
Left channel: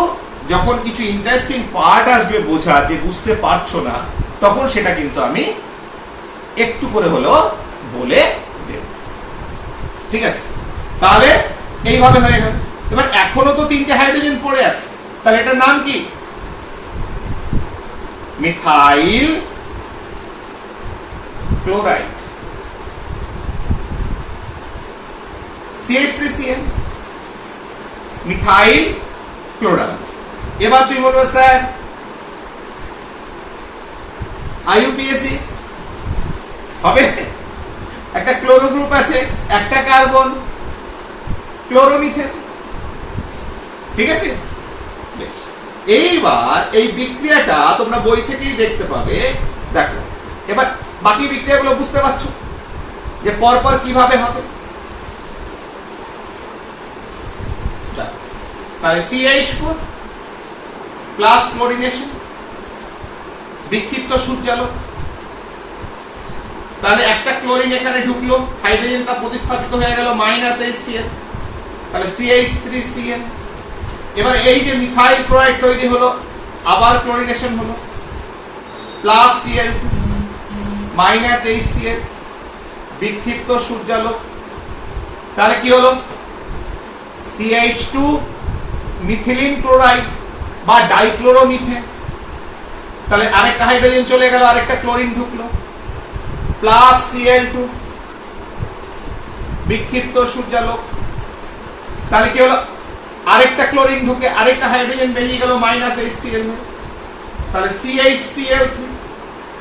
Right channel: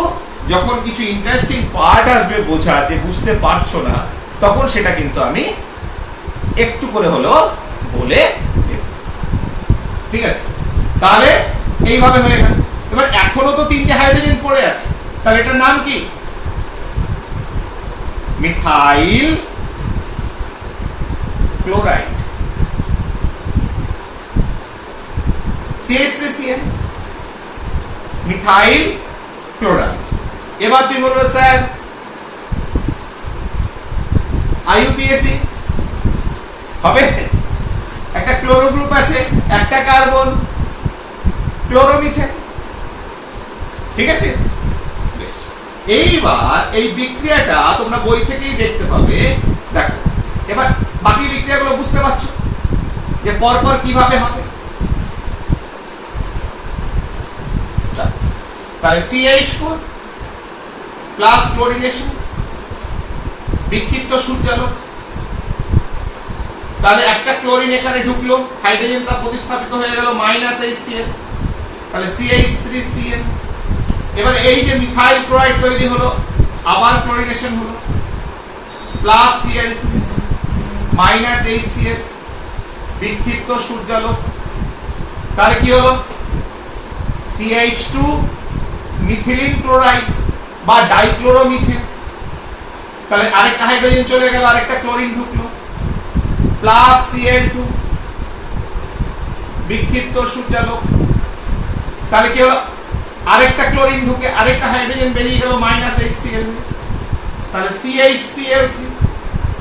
যখন কিছু ইন্টারেস্টিং পার্ট আসবে বোঝা, যে বুঝতে পারছো না, তখন সেটা কিন্তু আমি একটু করে হলেও বলে দেব। ঠিক আছে, তাহলে এইভাবে হয়ে গেল। এবার এখনো তো 3টে হাইড্রোজেন পড়ে আছে, তাহলে এটার নাম কি? Methyl chloride, CH3Cl, methyl chloride. এবার তুমি বলবে স্যার IUPAC হবে, একটা ক্লোরো গ্রুপ আছে, একটা কার্বন, ক্লোরোমিথেন। ঠিক আছে, বেশ। এইবার এই বিক্রিয়াটা তোমরা বই থেকেই দেখতে পাবে। দেখো, এবার বাকি বিক্রিয়াগুলো বুঝতে পারছো যে পরপর কিভাবে হবে। তাহলে CH4 প্লাস ক্লোরিনেশন, বিক্ষিপ্ত সূর্যালোক। তাহলে একটা ক্লোরিন এখানে ঢুকলো, হাইড্রোজেনটা প্রতিস্থাপিত হয়ে গেল মাইনাস HCl, তাহলে CH3Cl। এবার এই যে মিথাইল ক্লোরাইড তৈরি হলো, আবার ক্লোরিনেশন হলো, প্লাস Cl2 মাইনাস HCl, বিক্ষিপ্ত সূর্যালোক। তাহলে কি হলো? CH2 মিথিলিন ক্লোরাইড বা ডাইক্লোরোমিথেন। তাহলে আরেকটা হাইড্রোজেন চলে গেল, আরেকটা ক্লোরিন ঢুকলো, প্লাস Cl2, বিক্ষিপ্ত সূর্যালোক। তাহলে কি হলো? আরেকটা ক্লোরিন ঢুকে আরেকটা হাইড্রোজেন বেরিয়ে গেল, মাইনাস HCl। তাহলে CHCl3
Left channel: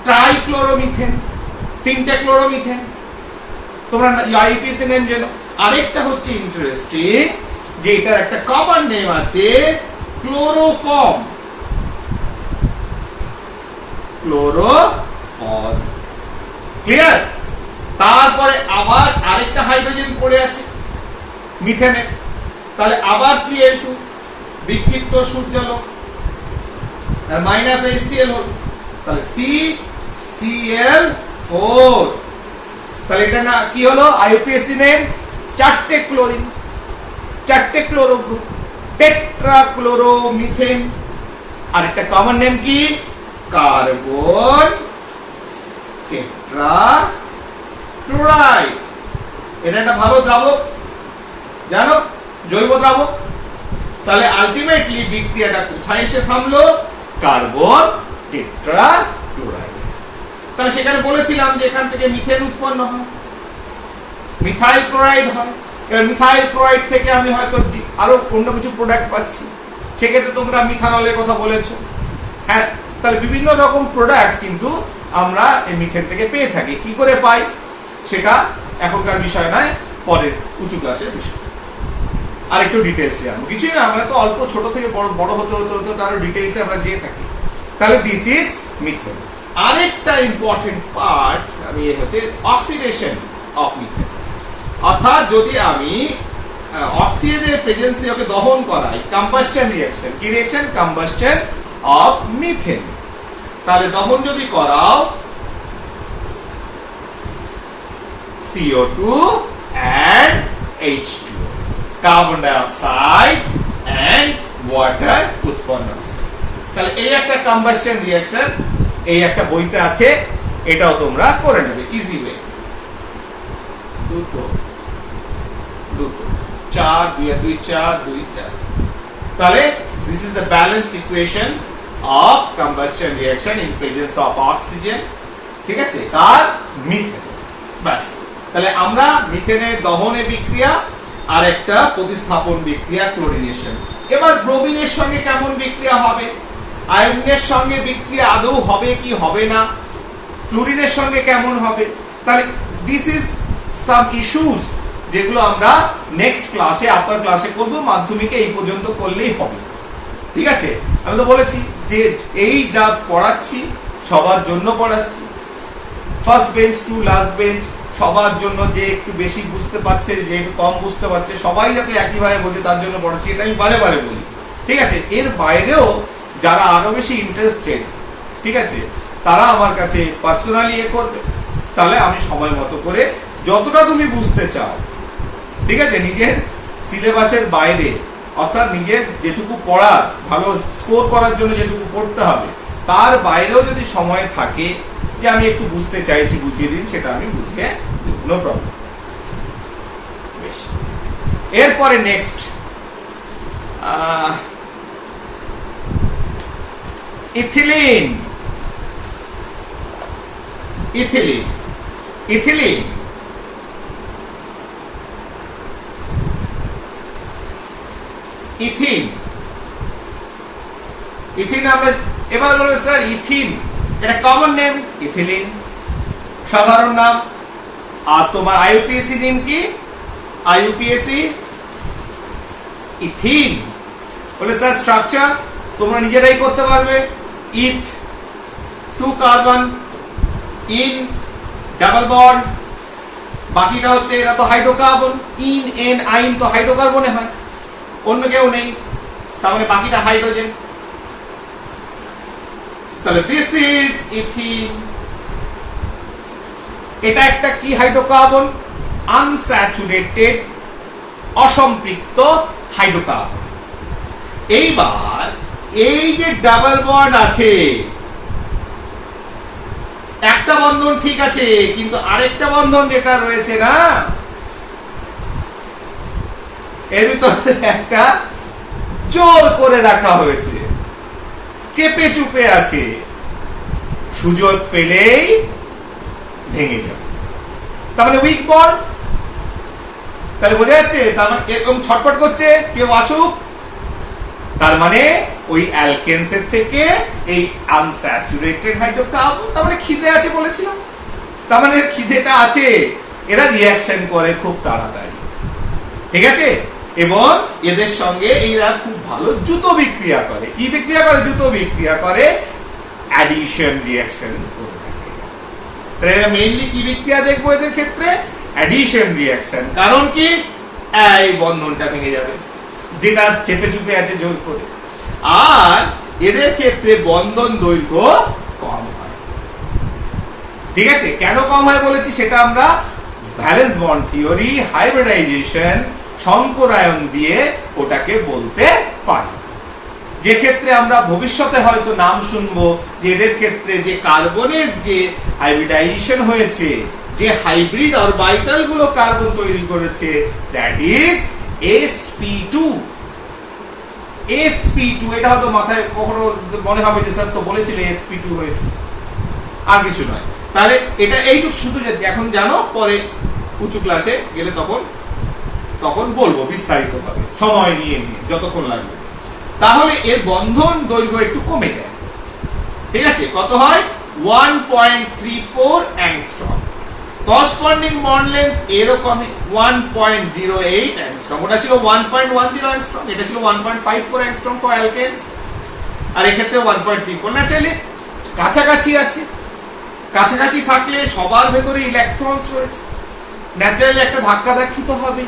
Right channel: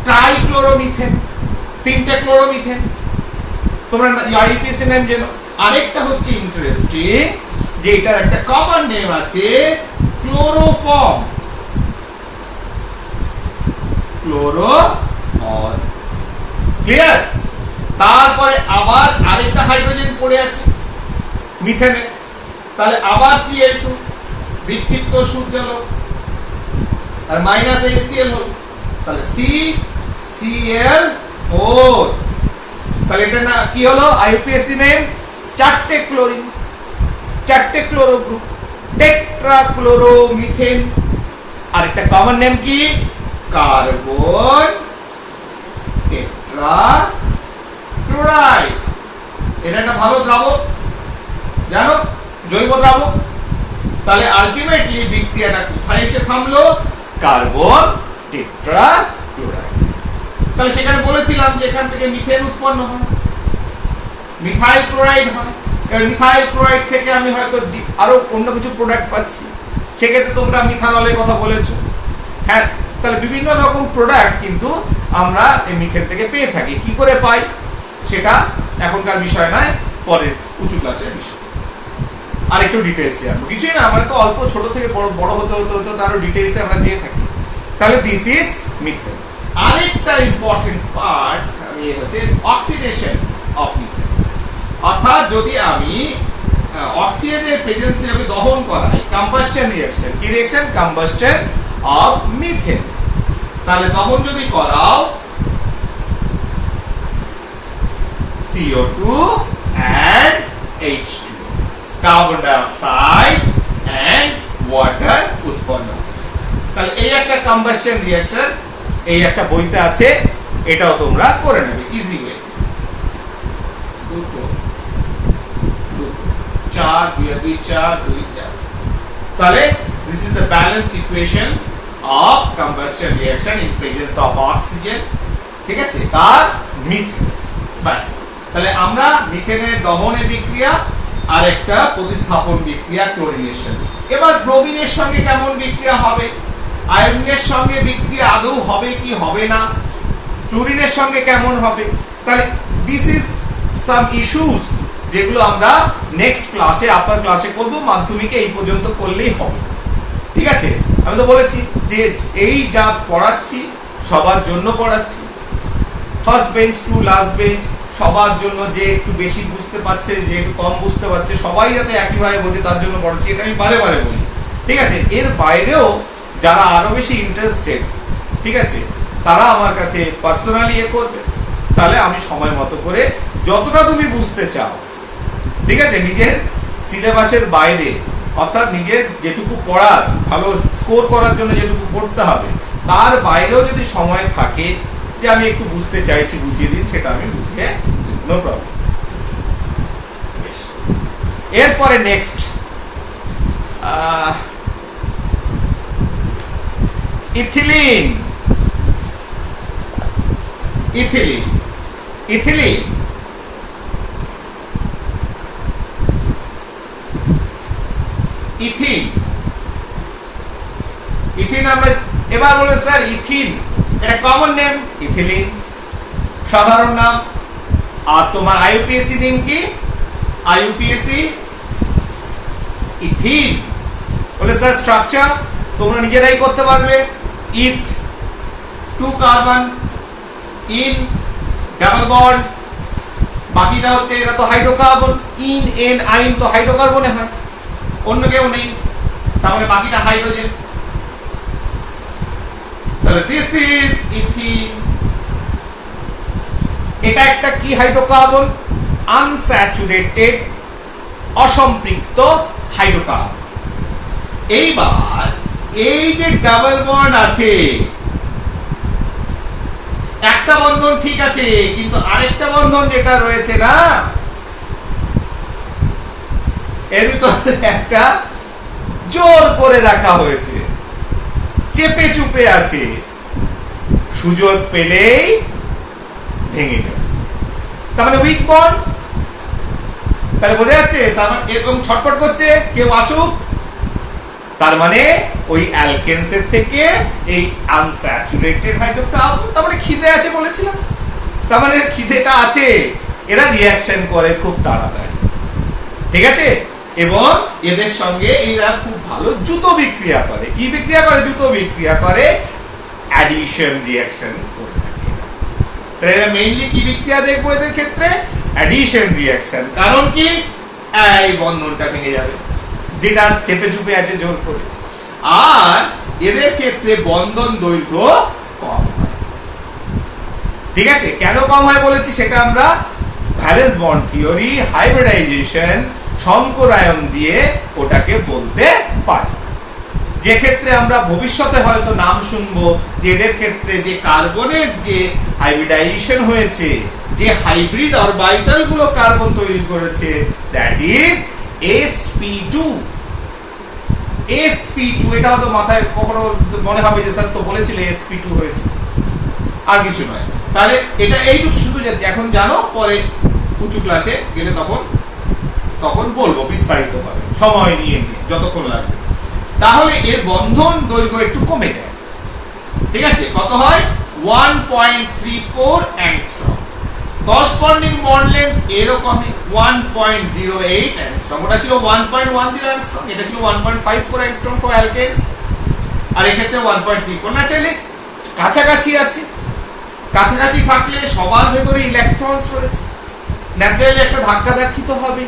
ট্রাইক্লোরোমিথেন, তিনটে ক্লোরোমিথেন। তোমরা আইপিএসি নেম জানো। আরেকটা হচ্ছে ইন্টারেস্টিং যে এটার একটা কমন নেম আছে ক্লোরোফর্ম, ক্লোরোফর্ম। ক্লিয়ার? তারপরে আবার আরেকটা হাইড্রোজেন পড়ে আছে মিথেনে, তাহলে আবার Cl2 বিক্ষিপ্ত সূর্যালোক আর মাইনাস HCl হল, তাহলে CCl4। তাহলে এটা না কি হলো আইউপিএসি নেম? চারটে ক্লোরিন, চারটে ক্লোরো গ্রুপ, টেট্রাক্লোরোমিথেন। আর একটা কমন নেম কি? Carbon tetrachloride. এটা একটা ভালো দ্রাবক, জানো, জৈব দ্রাবক। তাহলে আলটিমেটলি বিক্রিয়াটা কোথায় এসে থামলো? Carbon tetrachloride. তাহলে সেখানে বলেছিলাম যে এখান থেকে মিথেন উৎপন্ন হয়, মিথাইল ক্লোরাইড হয়। এবার মিথাইল ক্লোরাইড থেকে আমি হয়তো আরো অন্য কিছু প্রোডাক্ট পাচ্ছি, সেক্ষেত্রে তোমরা মিথানলের কথা বলেছো। হ্যাঁ, তাহলে বিভিন্ন রকম প্রোডাক্ট কিন্তু আমরা এই মিথেন থেকে পেয়ে থাকি। কি করে পাই সেটা এখনকার বিষয় নয়, পরের উঁচু ক্লাসের বিষয়। আর একটু ডিটেইলসে আসবো, কিছুই না, আমরা তো অল্প ছোট থেকে বড় হতে হতে হতে তারও ডিটেইলসে আমরা যেয়ে থাকি। তাহলে দিস ইজ মিথেন। আরেকটা ইম্পর্টেন্ট পার্ট আমি হচ্ছে অক্সিডেশন অফ মিথেন, অর্থাৎ যদি আমি অক্সিজেনের প্রেজেন্সে ওকে দহন করাই, কম্বাস্টন রিঅ্যাকশন। কি রিঅ্যাকশন? Combustion of methane. তাহলে দহন যদি করাও CO2 and H2, carbon dioxide and water উৎপন্ন হয়। তাহলে এই একটা কম্বাস্টন রিঅ্যাকশন, এই একটা বইতে আছে, এটাও তোমরা করে নেবে ইজি ওয়ে। দুটো দুটো 4 2 4 2 4। তাহলে this is the balanced equation of combustion reaction in presence of oxygen, ঠিক আছে, আর মিথেন। বাস, তাহলে আমরা মিথেনের দহনে বিক্রিয়া আর একটা প্রতিস্থাপন বিক্রিয়া ক্লোরিনেশন। এবার ব্রোমিনের সঙ্গে কেমন বিক্রিয়া হবে, আয়োডিনের সঙ্গে বিক্রিয়া আদৌ হবে কি হবে না, ফ্লুরিনের সঙ্গে কেমন হবে, তাহলে দিস ইজ সাম ইস্যুস যেগুলো আমরা নেক্সট ক্লাসে, আপার ক্লাসে করব। মাধ্যমিকে এই পর্যন্ত করলেই হবে, ঠিক আছে। আমি তো বলেছি যে এই যা পড়াচ্ছি সবার জন্য পড়াচ্ছি, first bench to last bench সবার জন্য। যে একটু বেশি বুঝতে পারছে, যে একটু কম বুঝতে পারছে, সবাই যাতে একইভাবে বোঝে তার জন্য পড়াচ্ছি। এটা আমি বারে বারে বলি, ঠিক আছে। এর বাইরেও যারা আরো বেশি ইন্টারেস্টেড, ঠিক আছে, তারা আমার কাছে পার্সোনালি করবে। তাহলে আমি সময় মতো করে যতটা তুমি বুঝতে চাও, ঠিক আছে, নিজের সিলেবাসের বাইরে, অর্থাৎ নিজের যেটুকু পড়ার, ভালো স্কোর করার জন্য যেটুকু পড়তে হবে, তার বাইরেও যদি সময় থাকে যে আমি একটু বুঝতে চাইছি, বুঝিয়ে দিন, সেটা আমি বুঝিয়ে দিব, নো প্রবলেম। এরপরে next ethylene. Ethylene ethylene ethene ethene আমরা এবার বলবো স্যার ইথিন, এটা কমন নেম ইথিলিন, সাধারণ নাম। আর তোমার আইইউপিএসি নেম কি? IUPAC ethene. বলে স্যার স্ট্রাকচার তোমরা নিজেরাই করতে পারবে। Eth 2 carbon, in double bond, বাকিটা হচ্ছে এরা তো হাইড্রোকার্বন, ইন এন আইন তো হাইড্রোকার্বনে হয়, অন্য কেউ নেই, তার মানে বাকিটা হাইড্রোজেন। তাহলে দিস ইজ ইথিন। এটা একটা কি হাইড্রোকার্বন? আনস্যাচুরেটেড, অসম্পৃক্ত হাইড্রোকার্বন। এইবার এই যে ডাবল বন্ড আছে, একটা বন্ধন ঠিক আছে, কিন্তু আরেকটা বন্ধন যেটা রয়েছে না, এর ভিতরে একটা জোর করে রাখা হয়েছে, চেপে চুপে আছে, সুযোগ পেলেই ভেঙে যাবে। তার মানে উইক বন্ড। তাহলে বোঝা যাচ্ছে, তার মানে এরকম ছটফট করছে, কেউ আসুক, তার মানে ওই অ্যালকেনসের থেকে এই আনস্যাচুরেটেড হাইড্রোকার্বন, তার মানে খিদে আছে বলেছিলাম, তার মানে খিদেটা আছে, এরা রিয়াকশন করে খুব তাড়াতাড়ি, ঠিক আছে। এবং এদের সঙ্গে এরা খুব ভালো দ্রুত বিক্রিয়া করে। কি বিক্রিয়া করে? দ্রুত বিক্রিয়া করে, অ্যাডিশন রিয়াকশন করে থাকে। তাহলে এরা মেইনলি কি বিক্রিয়া দেখবো এদের ক্ষেত্রে? Addition reaction. কারণ কি? এই বন্ধনটা ভেঙে যাবে, যেটা চেপে চুপে আছে জোর করে। আর এদের ক্ষেত্রে বন্ধন দৈর্ঘ্য কম হয়, ঠিক আছে। কেন কম হয় বলেছি সেটা আমরা ভ্যালেন্স বন্ড থিওরি, হাইব্রিডাইজেশন, সংকরায়ন দিয়ে ওটাকে বলতে পারি। যে ক্ষেত্রে আমরা ভবিষ্যতে হয়তো নাম শুনবো যে এদের ক্ষেত্রে যে কার্বনের যে হাইব্রিডাইজেশন হয়েছে, যে হাইব্রিড অরবিটাল গুলো কার্বন তৈরি করেছে, দ্যাট ইজ sp2। sp2 এটা হয়তো মাথায় কখনো মনে হবে যে স্যার তো বলেছিল sp2 হয়েছে, আর কিছু নয়। তাহলে এটা এইটুকু শুধু এখন জানো, পরে উঁচু ক্লাসে গেলে তখন বলবো বিস্তারিত ভাবে, সময় নিয়ে যতক্ষণ লাগবে। তাহলে এর বন্ধন দৈর্ঘ্য একটু কমে যায়, ঠিক আছে। কত হয়? 1.34 অ্যাংস্ট্রম। করসপন্ডিং বন্ড লেন্থ এরকম 1.08 অ্যাংস্ট্রম। ওটা ছিল 1.10 অ্যাংস্ট্রম, এটা ছিল 1.54 অ্যাংস্ট্রম ফর অ্যালকেনস, আর এক্ষেত্রে 1.34। ন্যাচারালি কাছাকাছি আছে, কাছাকাছি থাকলে সবার ভেতরে ইলেকট্রনস রয়েছে, ন্যাচারালি একটা ধাক্কাধাক্কি তো হবে।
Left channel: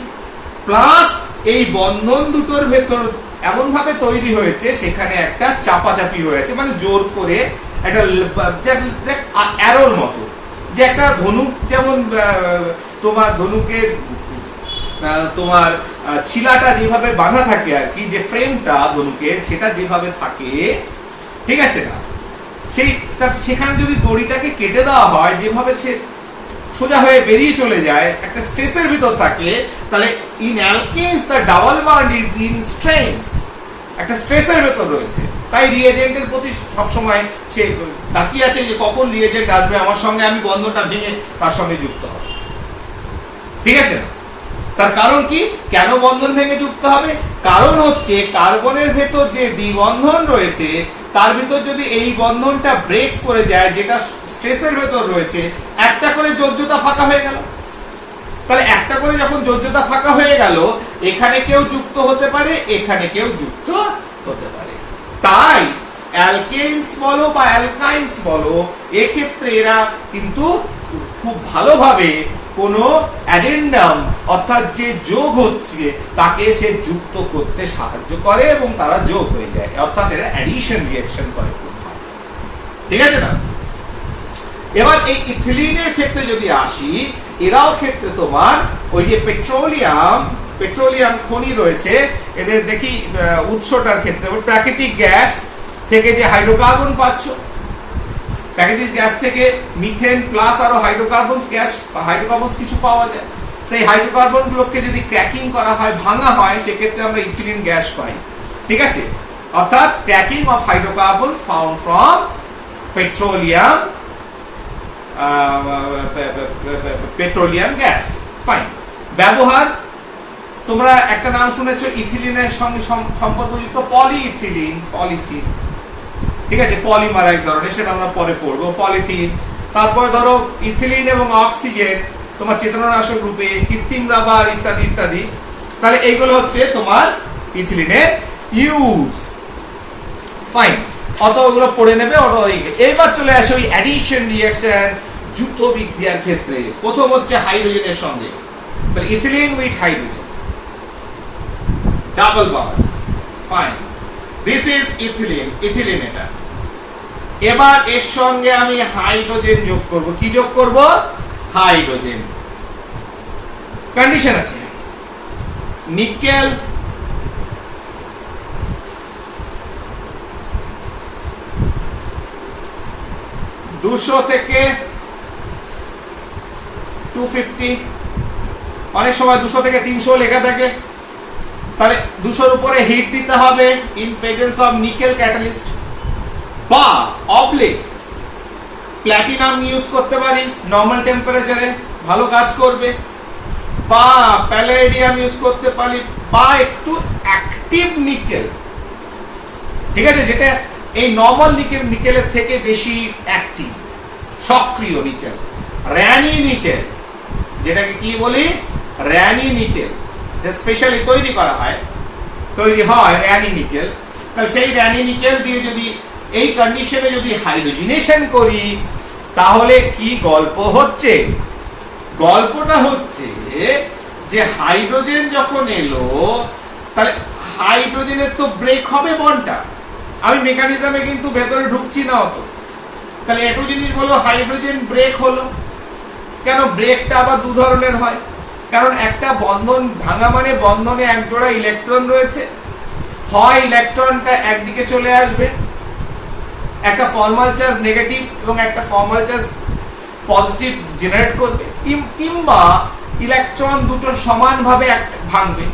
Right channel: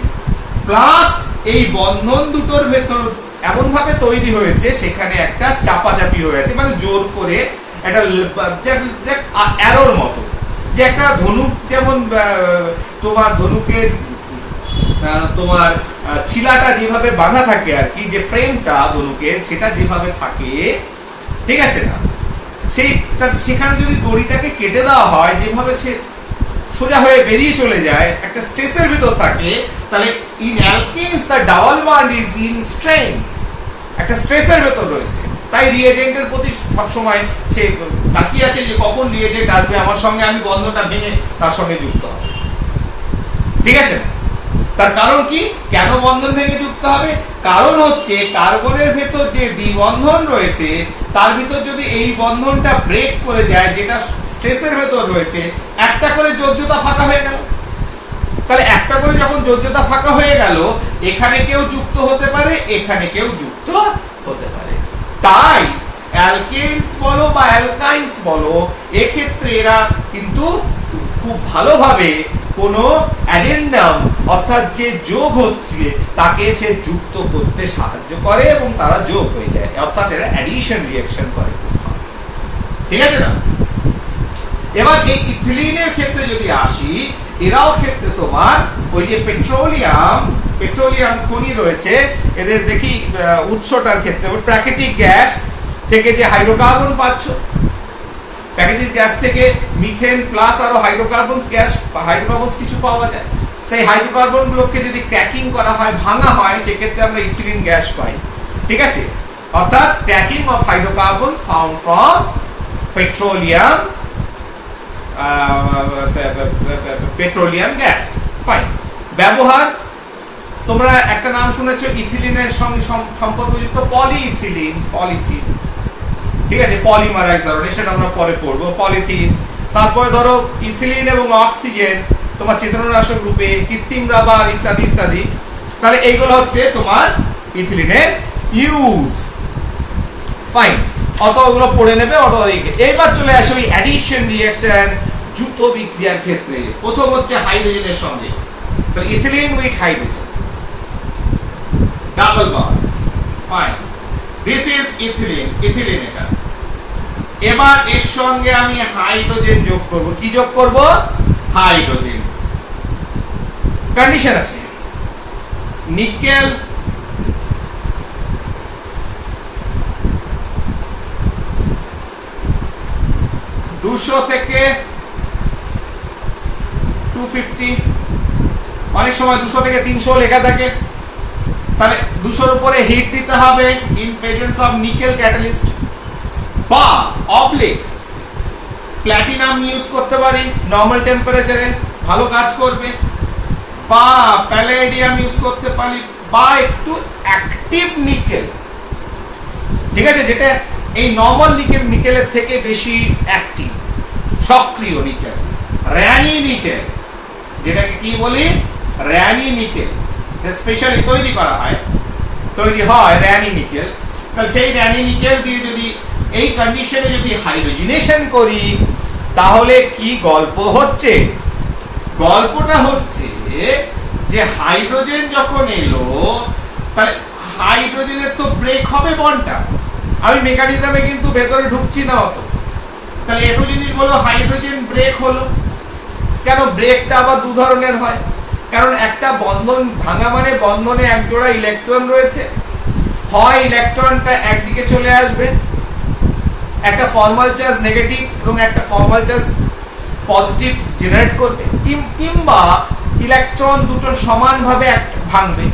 প্লাস এই বন্ধন দুটোর ভেতর এমন ভাবে তৈরি হয়েছে, সেখানে একটা চাপাচাপি হয়েছে, মানে জোর করে একটা অ্যারোর মতো, যে একটা ধনুক যেমন তোমার ধনুকের তোমার ছিলাটা যেভাবে বাঁধা থাকে আর কি, যে ফ্রেমটা ধনুকের সেটা যেভাবে থাকে, ঠিক আছে না, সেখানে যদি দড়িটাকে কেটে দেওয়া হয়, যেভাবে সে সোজা হয়ে বেরিয়ে চলে যায়, একটা স্ট্রেসের ভিতর থাকে, তাহলে in alkenes the double bond is in stress, একটা স্ট্রেসের ভেতর রয়েছে। তাই রিয়েজেন্টের প্রতি সবসময় সে তাকিয়ে আছে যে কখন রিয়েজেন্ট আসবে আমার সঙ্গে, আমি বন্ধনটা ভেঙে তার সঙ্গে যুক্ত হবে, ঠিক আছে। তার কারণ কি? কেন বন্ধন ভেঙে যুক্ত হবে? কারণ হচ্ছে কার্বনের ভেতর যে দ্বিবন্ধন রয়েছে, তার ভিতর যদি এই বন্ধনটা ব্রেক করে যায়, যেটা স্ট্রেসের ভেতর রয়েছে, একটা করে যোজ্যতা ফাঁকা হয়ে গেল। তাহলে একটা করে যখন যোজ্যতা ফাঁকা হয়ে গেল, এখানে কেউ যুক্ত হতে পারে, এখানে কেউ যুক্ত হতে পারে। তাই অ্যালকেনস বলো বা অ্যালকাইনস বলো, এক্ষেত্রে এরা কিন্তু খুব ভালোভাবে কোনো অ্যাডেন্ডাম অর্থাৎ যে যোগ হচ্ছে তাকে সে যুক্ত করতে সাহায্য করে এবং তারা যোগ হয়ে যায়, অর্থাৎ এরা অ্যাডিশন রিঅ্যাকশন করে, ঠিক আছে না। এবার এই ইথিলিনের ক্ষেত্রে যদি আসি, এরাও ক্ষেত্রে তোমার ওই যে পেট্রোলিয়াম খনি রয়েছে, এদের দেখি উৎসটার ক্ষেত্রে প্রাকৃতিক গ্যাস থেকে যে হাইড্রোকার্বন পাচ্ছ, প্রাকৃতিক গ্যাস থেকে মিথেন প্লাস আরো হাইড্রোকার্বনস কিছু পাওয়া যায়। সেই হাইড্রোকার্বন গুলোকে যদি ক্র্যাকিং করা হয়, ভাঙা হয়, সেক্ষেত্রে আমরা ইথিলিন গ্যাস পাই, ঠিক আছে। অর্থাৎ cracking of hydrocarbons found from petroleum gas, fine. ব্যবহার, তোমরা একটা নাম শুনেছো ইথিলিনের সঙ্গে সম্পর্কযুক্ত পলিইথিলিন, পলিথিন, ঠিক আছে, পলিমার এক ধরনের, সেটা আমরা পরে পড়বো, পলিথিন। তারপরে ধরো ইথিলিন এবং অক্সিজেন তোমার চেতনানাশক রূপে, কৃত্রিম রাবার ইত্যাদি ইত্যাদি। তাহলে এইগুলো হচ্ছে তোমার ইথিলিনের ইউজ, ফাইন। অত ওগুলো পড়ে নেবে অটো। এইবার চলে আসে ওই অ্যাডিশন রিঅ্যাকশন, যুক্ত বিক্রিয়ার ক্ষেত্রে। প্রথম হচ্ছে হাইড্রোজেনের সঙ্গে, তাহলে ethylene with hydrogen, double bond, fine. This is ethylene, ethylene এটা। এবার এর সঙ্গে আমি হাইড্রোজেন যোগ করব। কি যোগ করব? হাইড্রোজেন। কন্ডিশন আছে, নিকেল দুশো থেকে 250, অনেক সময় 200 থেকে 300 লেখা থাকে। তাহলে 200-র উপরে হিট দিতে হবে in presence of nickel catalyst, বা অবলিক প্ল্যাটিনাম ইউজ করতে পারি নরমাল টেম্পারেচারে, ভালো কাজ করবে, বা প্যালেডিয়াম ইউজ করতে পারি, বা একটু অ্যাক্টিভ নিকেল ঠিক আছে, যেটা এই নর্মাল নিকেলের থেকে বেশি অ্যাক্টিভ, সক্রিয় নিকেল, র্যানি নিকেল, যেটাকে কি বলি, র্যানি নিকেল স্পেশালি তৈরি হয় র্যানি নিকেল। তাহলে সেই র্যানি নিকেল দিয়ে যদি এই কন্ডিশনে যদি হাইড্রোজেনেশন করি, তাহলে কি গল্প হচ্ছে? গল্পটা হচ্ছে যে হাইড্রোজেন যখন এলো, তাহলে হাইড্রোজেনের তো ব্রেক হবে বন্ডটা। আমি মেকানিজমে কিন্তু ভেতরে ঢুকছি না অত। তাহলে একটু জিনিস বলো, হাইড্রোজেন ব্রেক হলো কেন? ব্রেকটা আবার দু ধরনের হয়, কারণ একটা বন্ধন ভাঙা মানে বন্ধনে এক জোড়া ইলেকট্রন রয়েছে, হয় ইলেকট্রনটা একদিকে চলে আসবে, একটা ফর্মাল চার্জ নেগেটিভ এবং একটা ফর্মাল চার্জ পজিটিভ জেনারেট করবে, কিংবা ইলেকট্রন দুটো সমানভাবে ভাঙবে।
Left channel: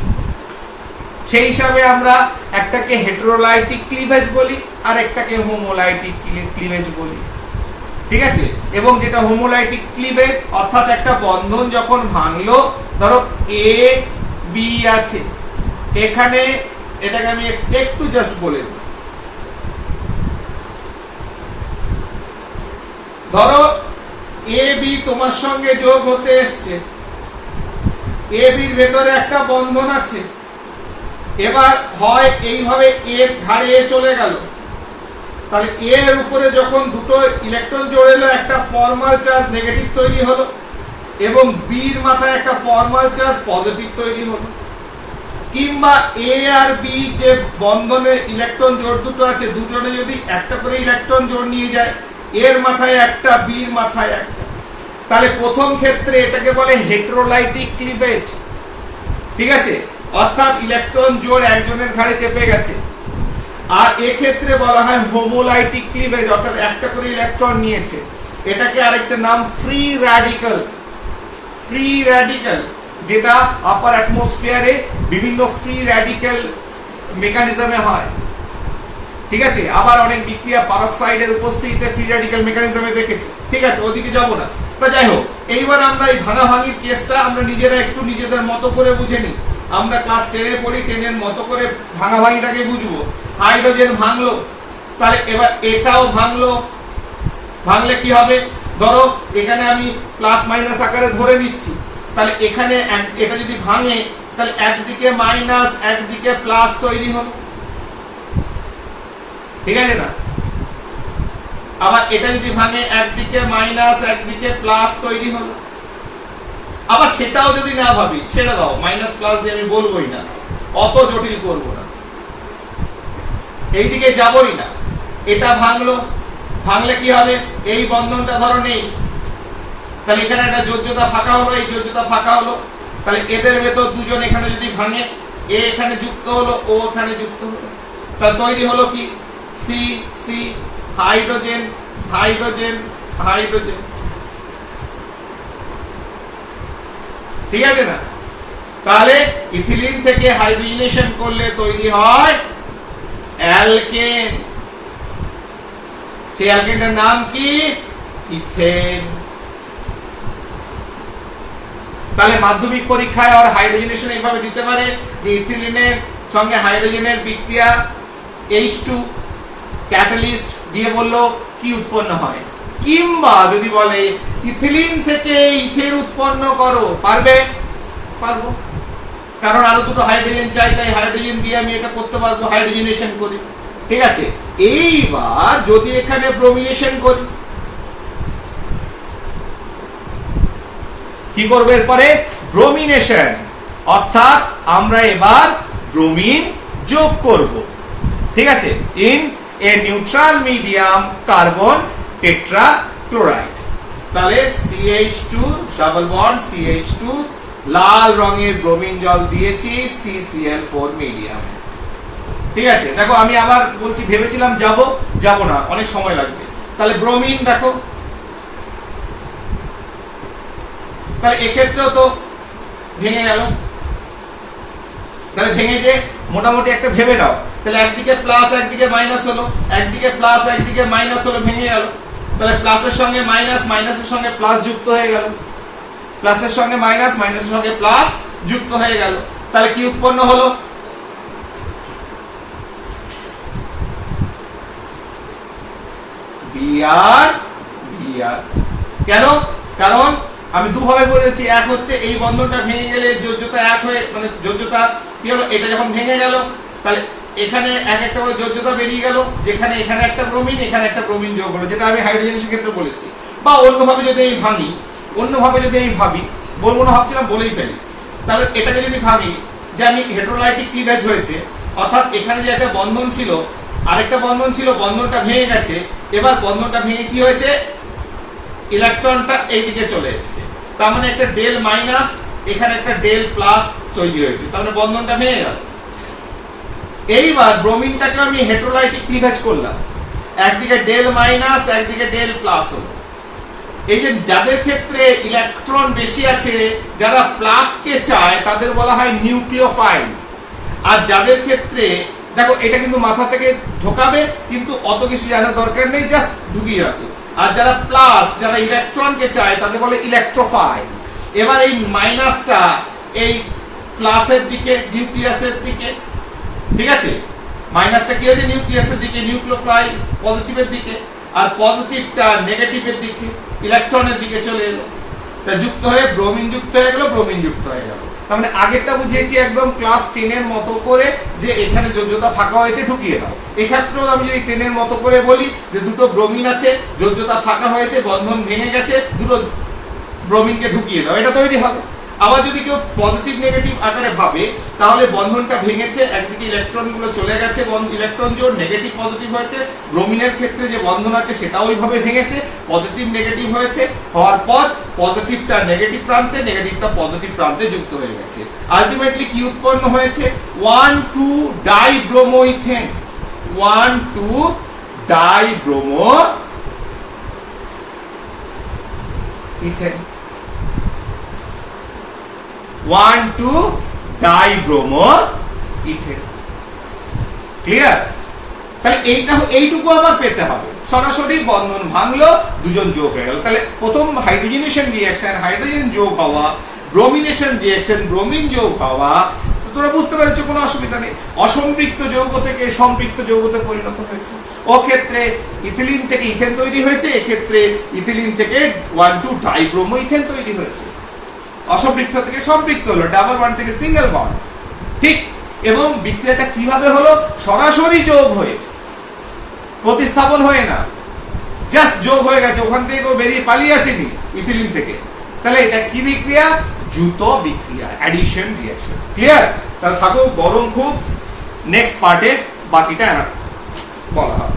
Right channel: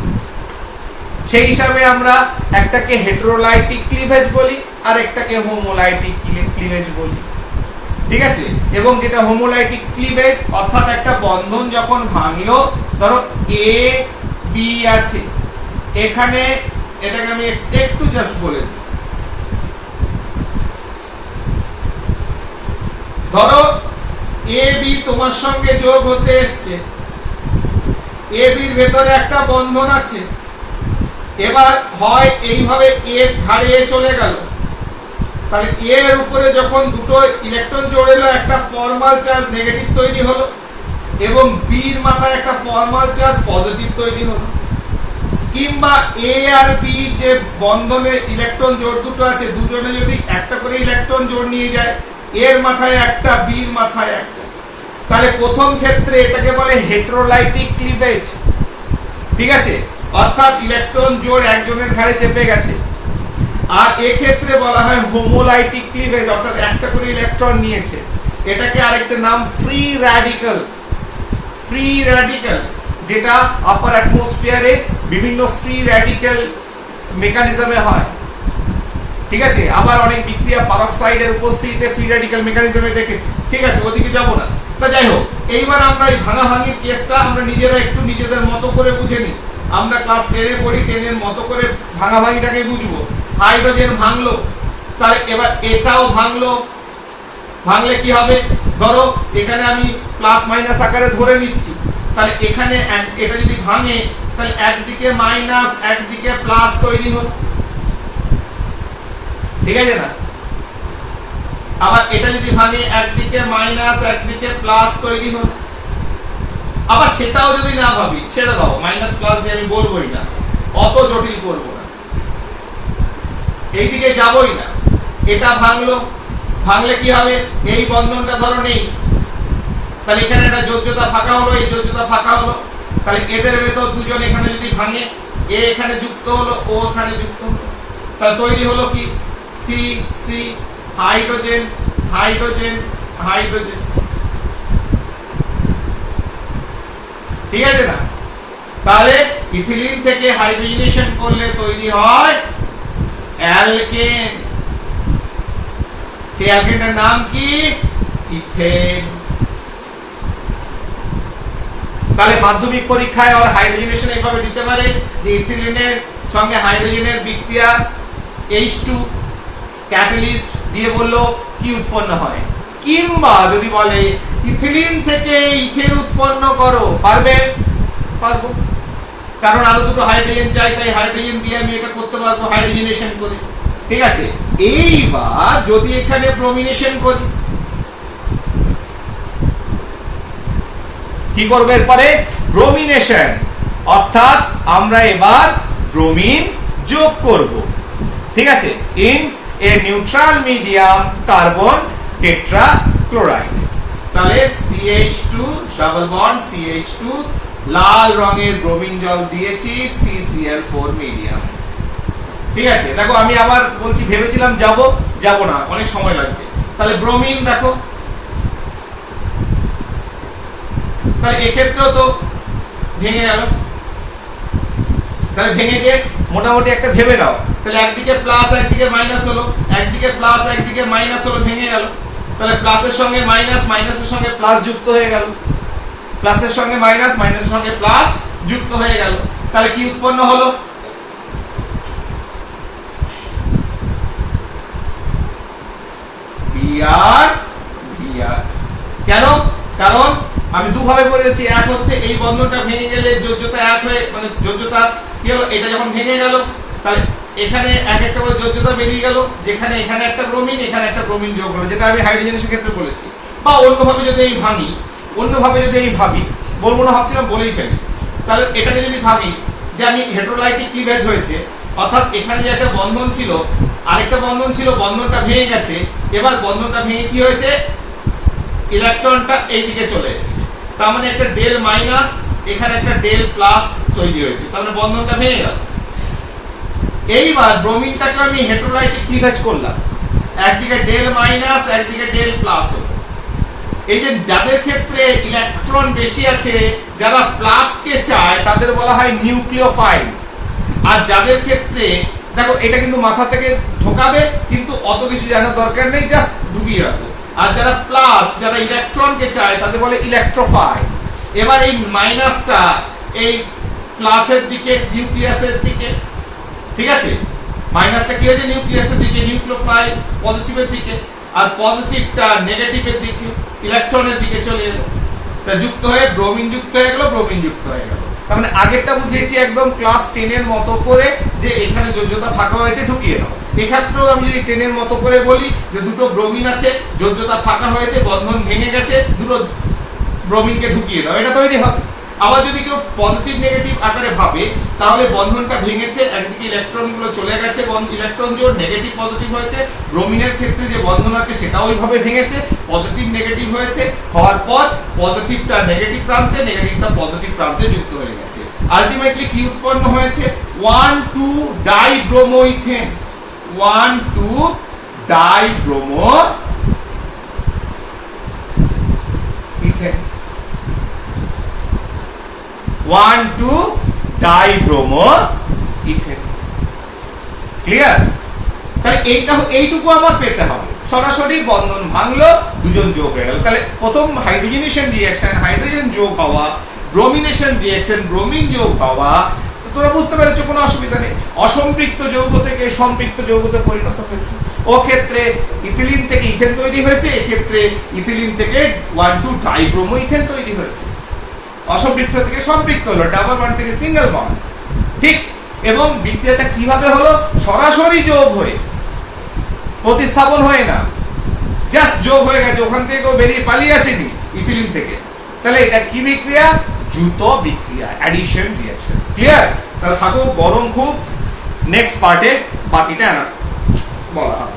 সেই হিসাবে আমরা একটাকে হেটেরোলাইটিক ক্লিভেজ বলি আর একটাকে হোমোলাইটিক ক্লিভেজ বলি। ঠিক আছে, এবং যেটা হোমোলাইটিক ক্লিভেজ অর্থাৎ একটা বন্ধন যখন ভাঙলো, ধরো এ বি আছে, এখানে এটাকে আমি একটু জাস্ট বলে দিই। ধরো এ বি তোমার সঙ্গে যোগ হতে এসছে, এ বির ভেতরে একটা বন্ধন আছে, এবার হয় এইভাবে এর ঘাড়ে চলে গেল, তাহলে এর উপরে যখন দুটো ইলেকট্রন জোড়েলো, একটা ফর্মাল চার্জ নেগেটিভ তৈরি হলো এবং বির মাথায় একটা ফর্মাল চার্জ পজিটিভ তৈরি হলো। কিংবা এ আর বি যে বন্ধনে ইলেকট্রন জোড় দুটো আছে, দুজনে যদি একটা করে ইলেকট্রন জোড় নিয়ে যায়, এর মাথায় একটা বির মাথায় একটা, তাহলে প্রথম ক্ষেত্রে এটাকে বলে হেটেরোলাইটিক ক্লিভেজ। ঠিক আছে, অর্থাৎ ইলেকট্রন জোড় একজনের ঘাড়ে চেপে গেছে। আর এক্ষেত্রে বলা হয় হোমোলাইটিক ক্লিভেজ, অর্থাৎ একটা করে ইলেকট্রন নিয়েছে। এটাকে আরেকটা নাম ফ্রি র্যাডিক্যাল। ফ্রি র্যাডিক্যাল যেটা আপার অ্যাটমসফিয়ারে বিভিন্ন ফ্রি র্যাডিক্যাল মেকানিজমে হয়। ঠিক আছে, আবার অনেক বিক্রিয়া পারক্সাইডের উপস্থিতিতে ফ্রি র্যাডিক্যাল মেকানিজমে দেখেছি। ঠিক আছে, ওদিকে যাব না। তা যাই হোক, এইবার আমরা এই ভাঙাভাঙির কেসটা আমরা নিজেরা একটু নিজেদের মতো করে বুঝে নিই। আমরা ক্লাস 10-এ পড়ি, 10-এর মতো করে ভাঙাভাঙিটাকে বুঝবো। হাইড্রোজেন ভাঙলো, তাহলে এবার এটাও ভাঙলো। ভাঙলে কি হবে? ধরো এখানে আমি প্লাস মাইনাস আকারে ধরে নিচ্ছি, তাহলে এখানে এটা যদি ভাঙে, তাহলে একদিকে মাইনাস একদিকে প্লাস তৈরি হলো। ঠিক আছে না? আবার এটা যদি ভাঙে, একদিকে মাইনাস একদিকে প্লাস তৈরি হলো। আবার সেটাও যদি না ভাবি, ছেড়ে দাও, মাইনাস প্লাস দিয়ে আমি বলবোই না, অত জটিল করবো না, এইদিকে যাবই না। এটা ভাঙলো, ভাঙলে কি হবে? এই বন্ধনটা ধরো নেই, তাহলে এখানে একটা যোজ্যতা ফাঁকা হলো, এই যোজ্যতা ফাঁকা হলো, তাহলে এদের ভেতর দুজন এখানে যদি ভাঙে, এ এখানে যুক্ত হলো, ও এখানে যুক্ত হলো, তাহলে তৈরি হলো কি? C C, hydrogen hydrogen hydrogen. ঠিক আছে না? তাহলে ইথিলিন থেকে হাইড্রোজেনেশন করলে তৈরি হয় অ্যালকেন। সেই অ্যালকেনটার নাম কি? ইথেন। তাহলে মাধ্যমিক পরীক্ষায় আর হাইড্রোজেনেশন এইভাবে দিতে পারে যে ইথিলিনের সঙ্গে হাইড্রোজেনের বিক্রিয়া H2 ক্যাটালিস্ট দিয়ে বললো কি উৎপন্ন হয়, কিংবা যদি বলে ইথিলিন থেকে ইথেন উৎপন্ন করো, পারবে? পারবো, কারণ আরো দুটো হাইড্রোজেন চাই, তাই হাইড্রোজেন দিয়ে আমি এটা করতে পারবো, হাইড্রোজেনেশন করি। ঠিক আছে, এইবার যদি এখানে ব্রোমিনেশন করি, কি করবো এরপরে? ব্রোমিনেশন, অর্থাৎ আমরা এবার ব্রোমিন যোগ করব। ঠিক আছে, in a neutral medium carbon tetrachloride. তাহলে CH2 ডাবল বন্ড CH2, লাল রঙের ব্রোমিন জল দিয়েছি CCl4 মিডিয়াম। ঠিক আছে, দেখো আমি আবার বলছি, ভেবেছিলাম যাব না, অনেক সময় লাগবে। তাহলে ব্রোমিন দেখো, তাহলে এক্ষেত্রেও তো ভেঙে গেল। তাহলে ভেঙে যে মোটামুটি একটা ভেবে নাও, তাহলে একদিকে প্লাস একদিকে মাইনাস হলো, একদিকে প্লাস একদিকে মাইনাস হলো, ভেঙে গেল। তাহলে প্লাসের সঙ্গে মাইনাস, মাইনাসের সঙ্গে প্লাস যুক্ত হয়ে গেল, প্লাসের সঙ্গে মাইনাস, মাইনাসের সঙ্গে প্লাস যুক্ত হয়ে গেল। তাহলে কি উৎপন্ন হলো? BR BR. কেন? কারণ আমি দুভাবে বলেছি, এক হচ্ছে এই বন্ধনটা ভেঙে গেলে যোজ্যতা এক হয়ে মানে যোজ্যতা কি হলো, এটা যখন ভেঙে গেল তাহলে এখানে এক একটা করে যোজ্যতা বেরিয়ে গেল, যেখানে এখানে একটা ব্রোমিন এখানে একটা ব্রোমিন যোগ হলো, যেটা আমি হাইড্রোজেনের ক্ষেত্রে বলেছি। বা অন্যভাবে যদি আমি ভাঙি, অন্যভাবে যদি আমি ভাবি, বলবো না ভাবছিলাম বলেই ফেলি, তাহলে এটাকে যদি ভাবি যে আমি হেটেরোলাইটিক ক্লিভেজ হয়েছে, অর্থাৎ এখানে যে একটা বন্ধন ছিল আরেকটা বন্ধন ছিল, বন্ধনটা ভেঙে গেছে, এবার বন্ধনটা ভেঙে কি হয়েছে, ইলেকট্রনটা এইদিকে চলে এসেছে, তার মানে একটা ডেল মাইনাস এখানে একটা ডেল প্লাস তৈরি হয়েছে, তার মানে বন্ধনটা ভেঙে গেল। এইবার ব্রোমিনটাকে আমি হেটেরোলাইটিক ক্লিভেজ করলাম, একদিকে ডেল মাইনাস একদিকে ডেল প্লাস হলো। এই যে যাদের ক্ষেত্রে ইলেকট্রন বেশি আছে, যারা প্লাস কে চায় তাদের বলা হয় নিউক্লিওফাইল। আর যাদের ক্ষেত্রে দেখো এটা কিন্তু মাথা থেকে ঢোকাবে, কিন্তু অত কিছু জানার দরকার নেই, জাস্ট ঢুকিয়ে রাখো। আর যারা প্লাস, যারা ইলেকট্রনকে চায় তাদের বলে ইলেকট্রোফাইল। এবার এই মাইনাসটা এই প্লাসের দিকে, নিউক্লিয়াসের দিকে, ঠিক আছে, মাইনাসটা কি হয়েছে নিউক্লিয়াসের দিকে, নিউক্লিওফাইল পজিটিভের দিকে, আর পজিটিভটা নেগেটিভের দিকে, ইলেকট্রনের দিকে চলে এলো, তা যুক্ত হয়ে ব্রোমিন যুক্ত হয়ে গেল, ব্রোমিন যুক্ত হয়ে গেল। তার মানে আগেরটা বুঝিয়েছি একদম ক্লাস 10 এর মতো করে, যে এখানে যোজ্যতা ফাঁকা হয়েছে ঢুকিয়ে দাও। এক্ষেত্রেও আমি যদি 10 এর মতো করে বলি যে দুটো ব্রোমিন আছে, যোজ্যতা ফাঁকা হয়েছে, বন্ধন ভেঙে গেছে, দুটো ব্রোমিনকে ঢুকিয়ে দাও, এটা তৈরি হবে। আবার যদি কেউ পজিটিভ নেগেটিভ আকারে ভাবে, তাহলে বন্ধনটা ভেঙেছে, একদিকে ইলেকট্রন গুলো চলে গেছে, ইলেকট্রন জোড় নেগেটিভ পজিটিভ হয়েছে, ব্রোমিনের ক্ষেত্রে যে বন্ধন আছে সেটা ওইভাবে ভেঙেছে, পজিটিভ নেগেটিভ হয়েছে, হওয়ার পর পজিটিভটা নেগেটিভ প্রান্তে, নেগেটিভটা পজিটিভ প্রান্তে যুক্ত হয়ে গেছে। আলটিমেটলি কি উৎপন্ন হয়েছে, 1,2 ডাইব্রোমোইথেন, 1,2 ডাইব্রোমোইথেন, 1,2 ডাইব্রোমোইথেন। ক্লিয়ার? তাহলে এইটুকু আমার পেতে হবে, সরাসরি বন্ধন ভাঙলো, দুজন যোগ হয়ে গেল। তাহলে প্রথম হাইড্রোজেনেশন রিঅ্যাকশন, হাইড্রোজেন যোগ হওয়া, ব্রোমিনেশন রিঅ্যাকশন, ব্রোমিন যোগ হওয়া, তোমরা বুঝতে পেরেছো, কোনো অসুবিধা নেই। অসম্পৃক্ত যৌগ থেকে সম্পৃক্ত যৌগতে পরিণত হয়েছে। ও ক্ষেত্রে ইথিলিন থেকে ইথেন তৈরি হয়েছে, এক্ষেত্রে ইথিলিন থেকে 1,2 ডাইব্রোমোইথেন তৈরি হয়েছে। অসম্পৃক্ত থেকে সম্পৃক্ত হলো, ডাবল বন্ড থেকে সিঙ্গেল বন্ড, ঠিক। এবং বিক্রিয়াটা কিভাবে হলো, সরাসরি যোগ হয়ে, প্রতিস্থাপন হয়ে না, জাস্ট যোগ হয়ে গেছে, ওখান থেকে কেউ বেরিয়ে পালিয়ে আসেনি ইথিলিন থেকে। তাহলে এটা কি বিক্রিয়া, দ্রুত বিক্রিয়া, অ্যাডিশন রিঅ্যাকশন। ক্লিয়ার? তাহলে থাকো গরম খুব, নেক্সট পার্টে বাকিটা বলা হবে।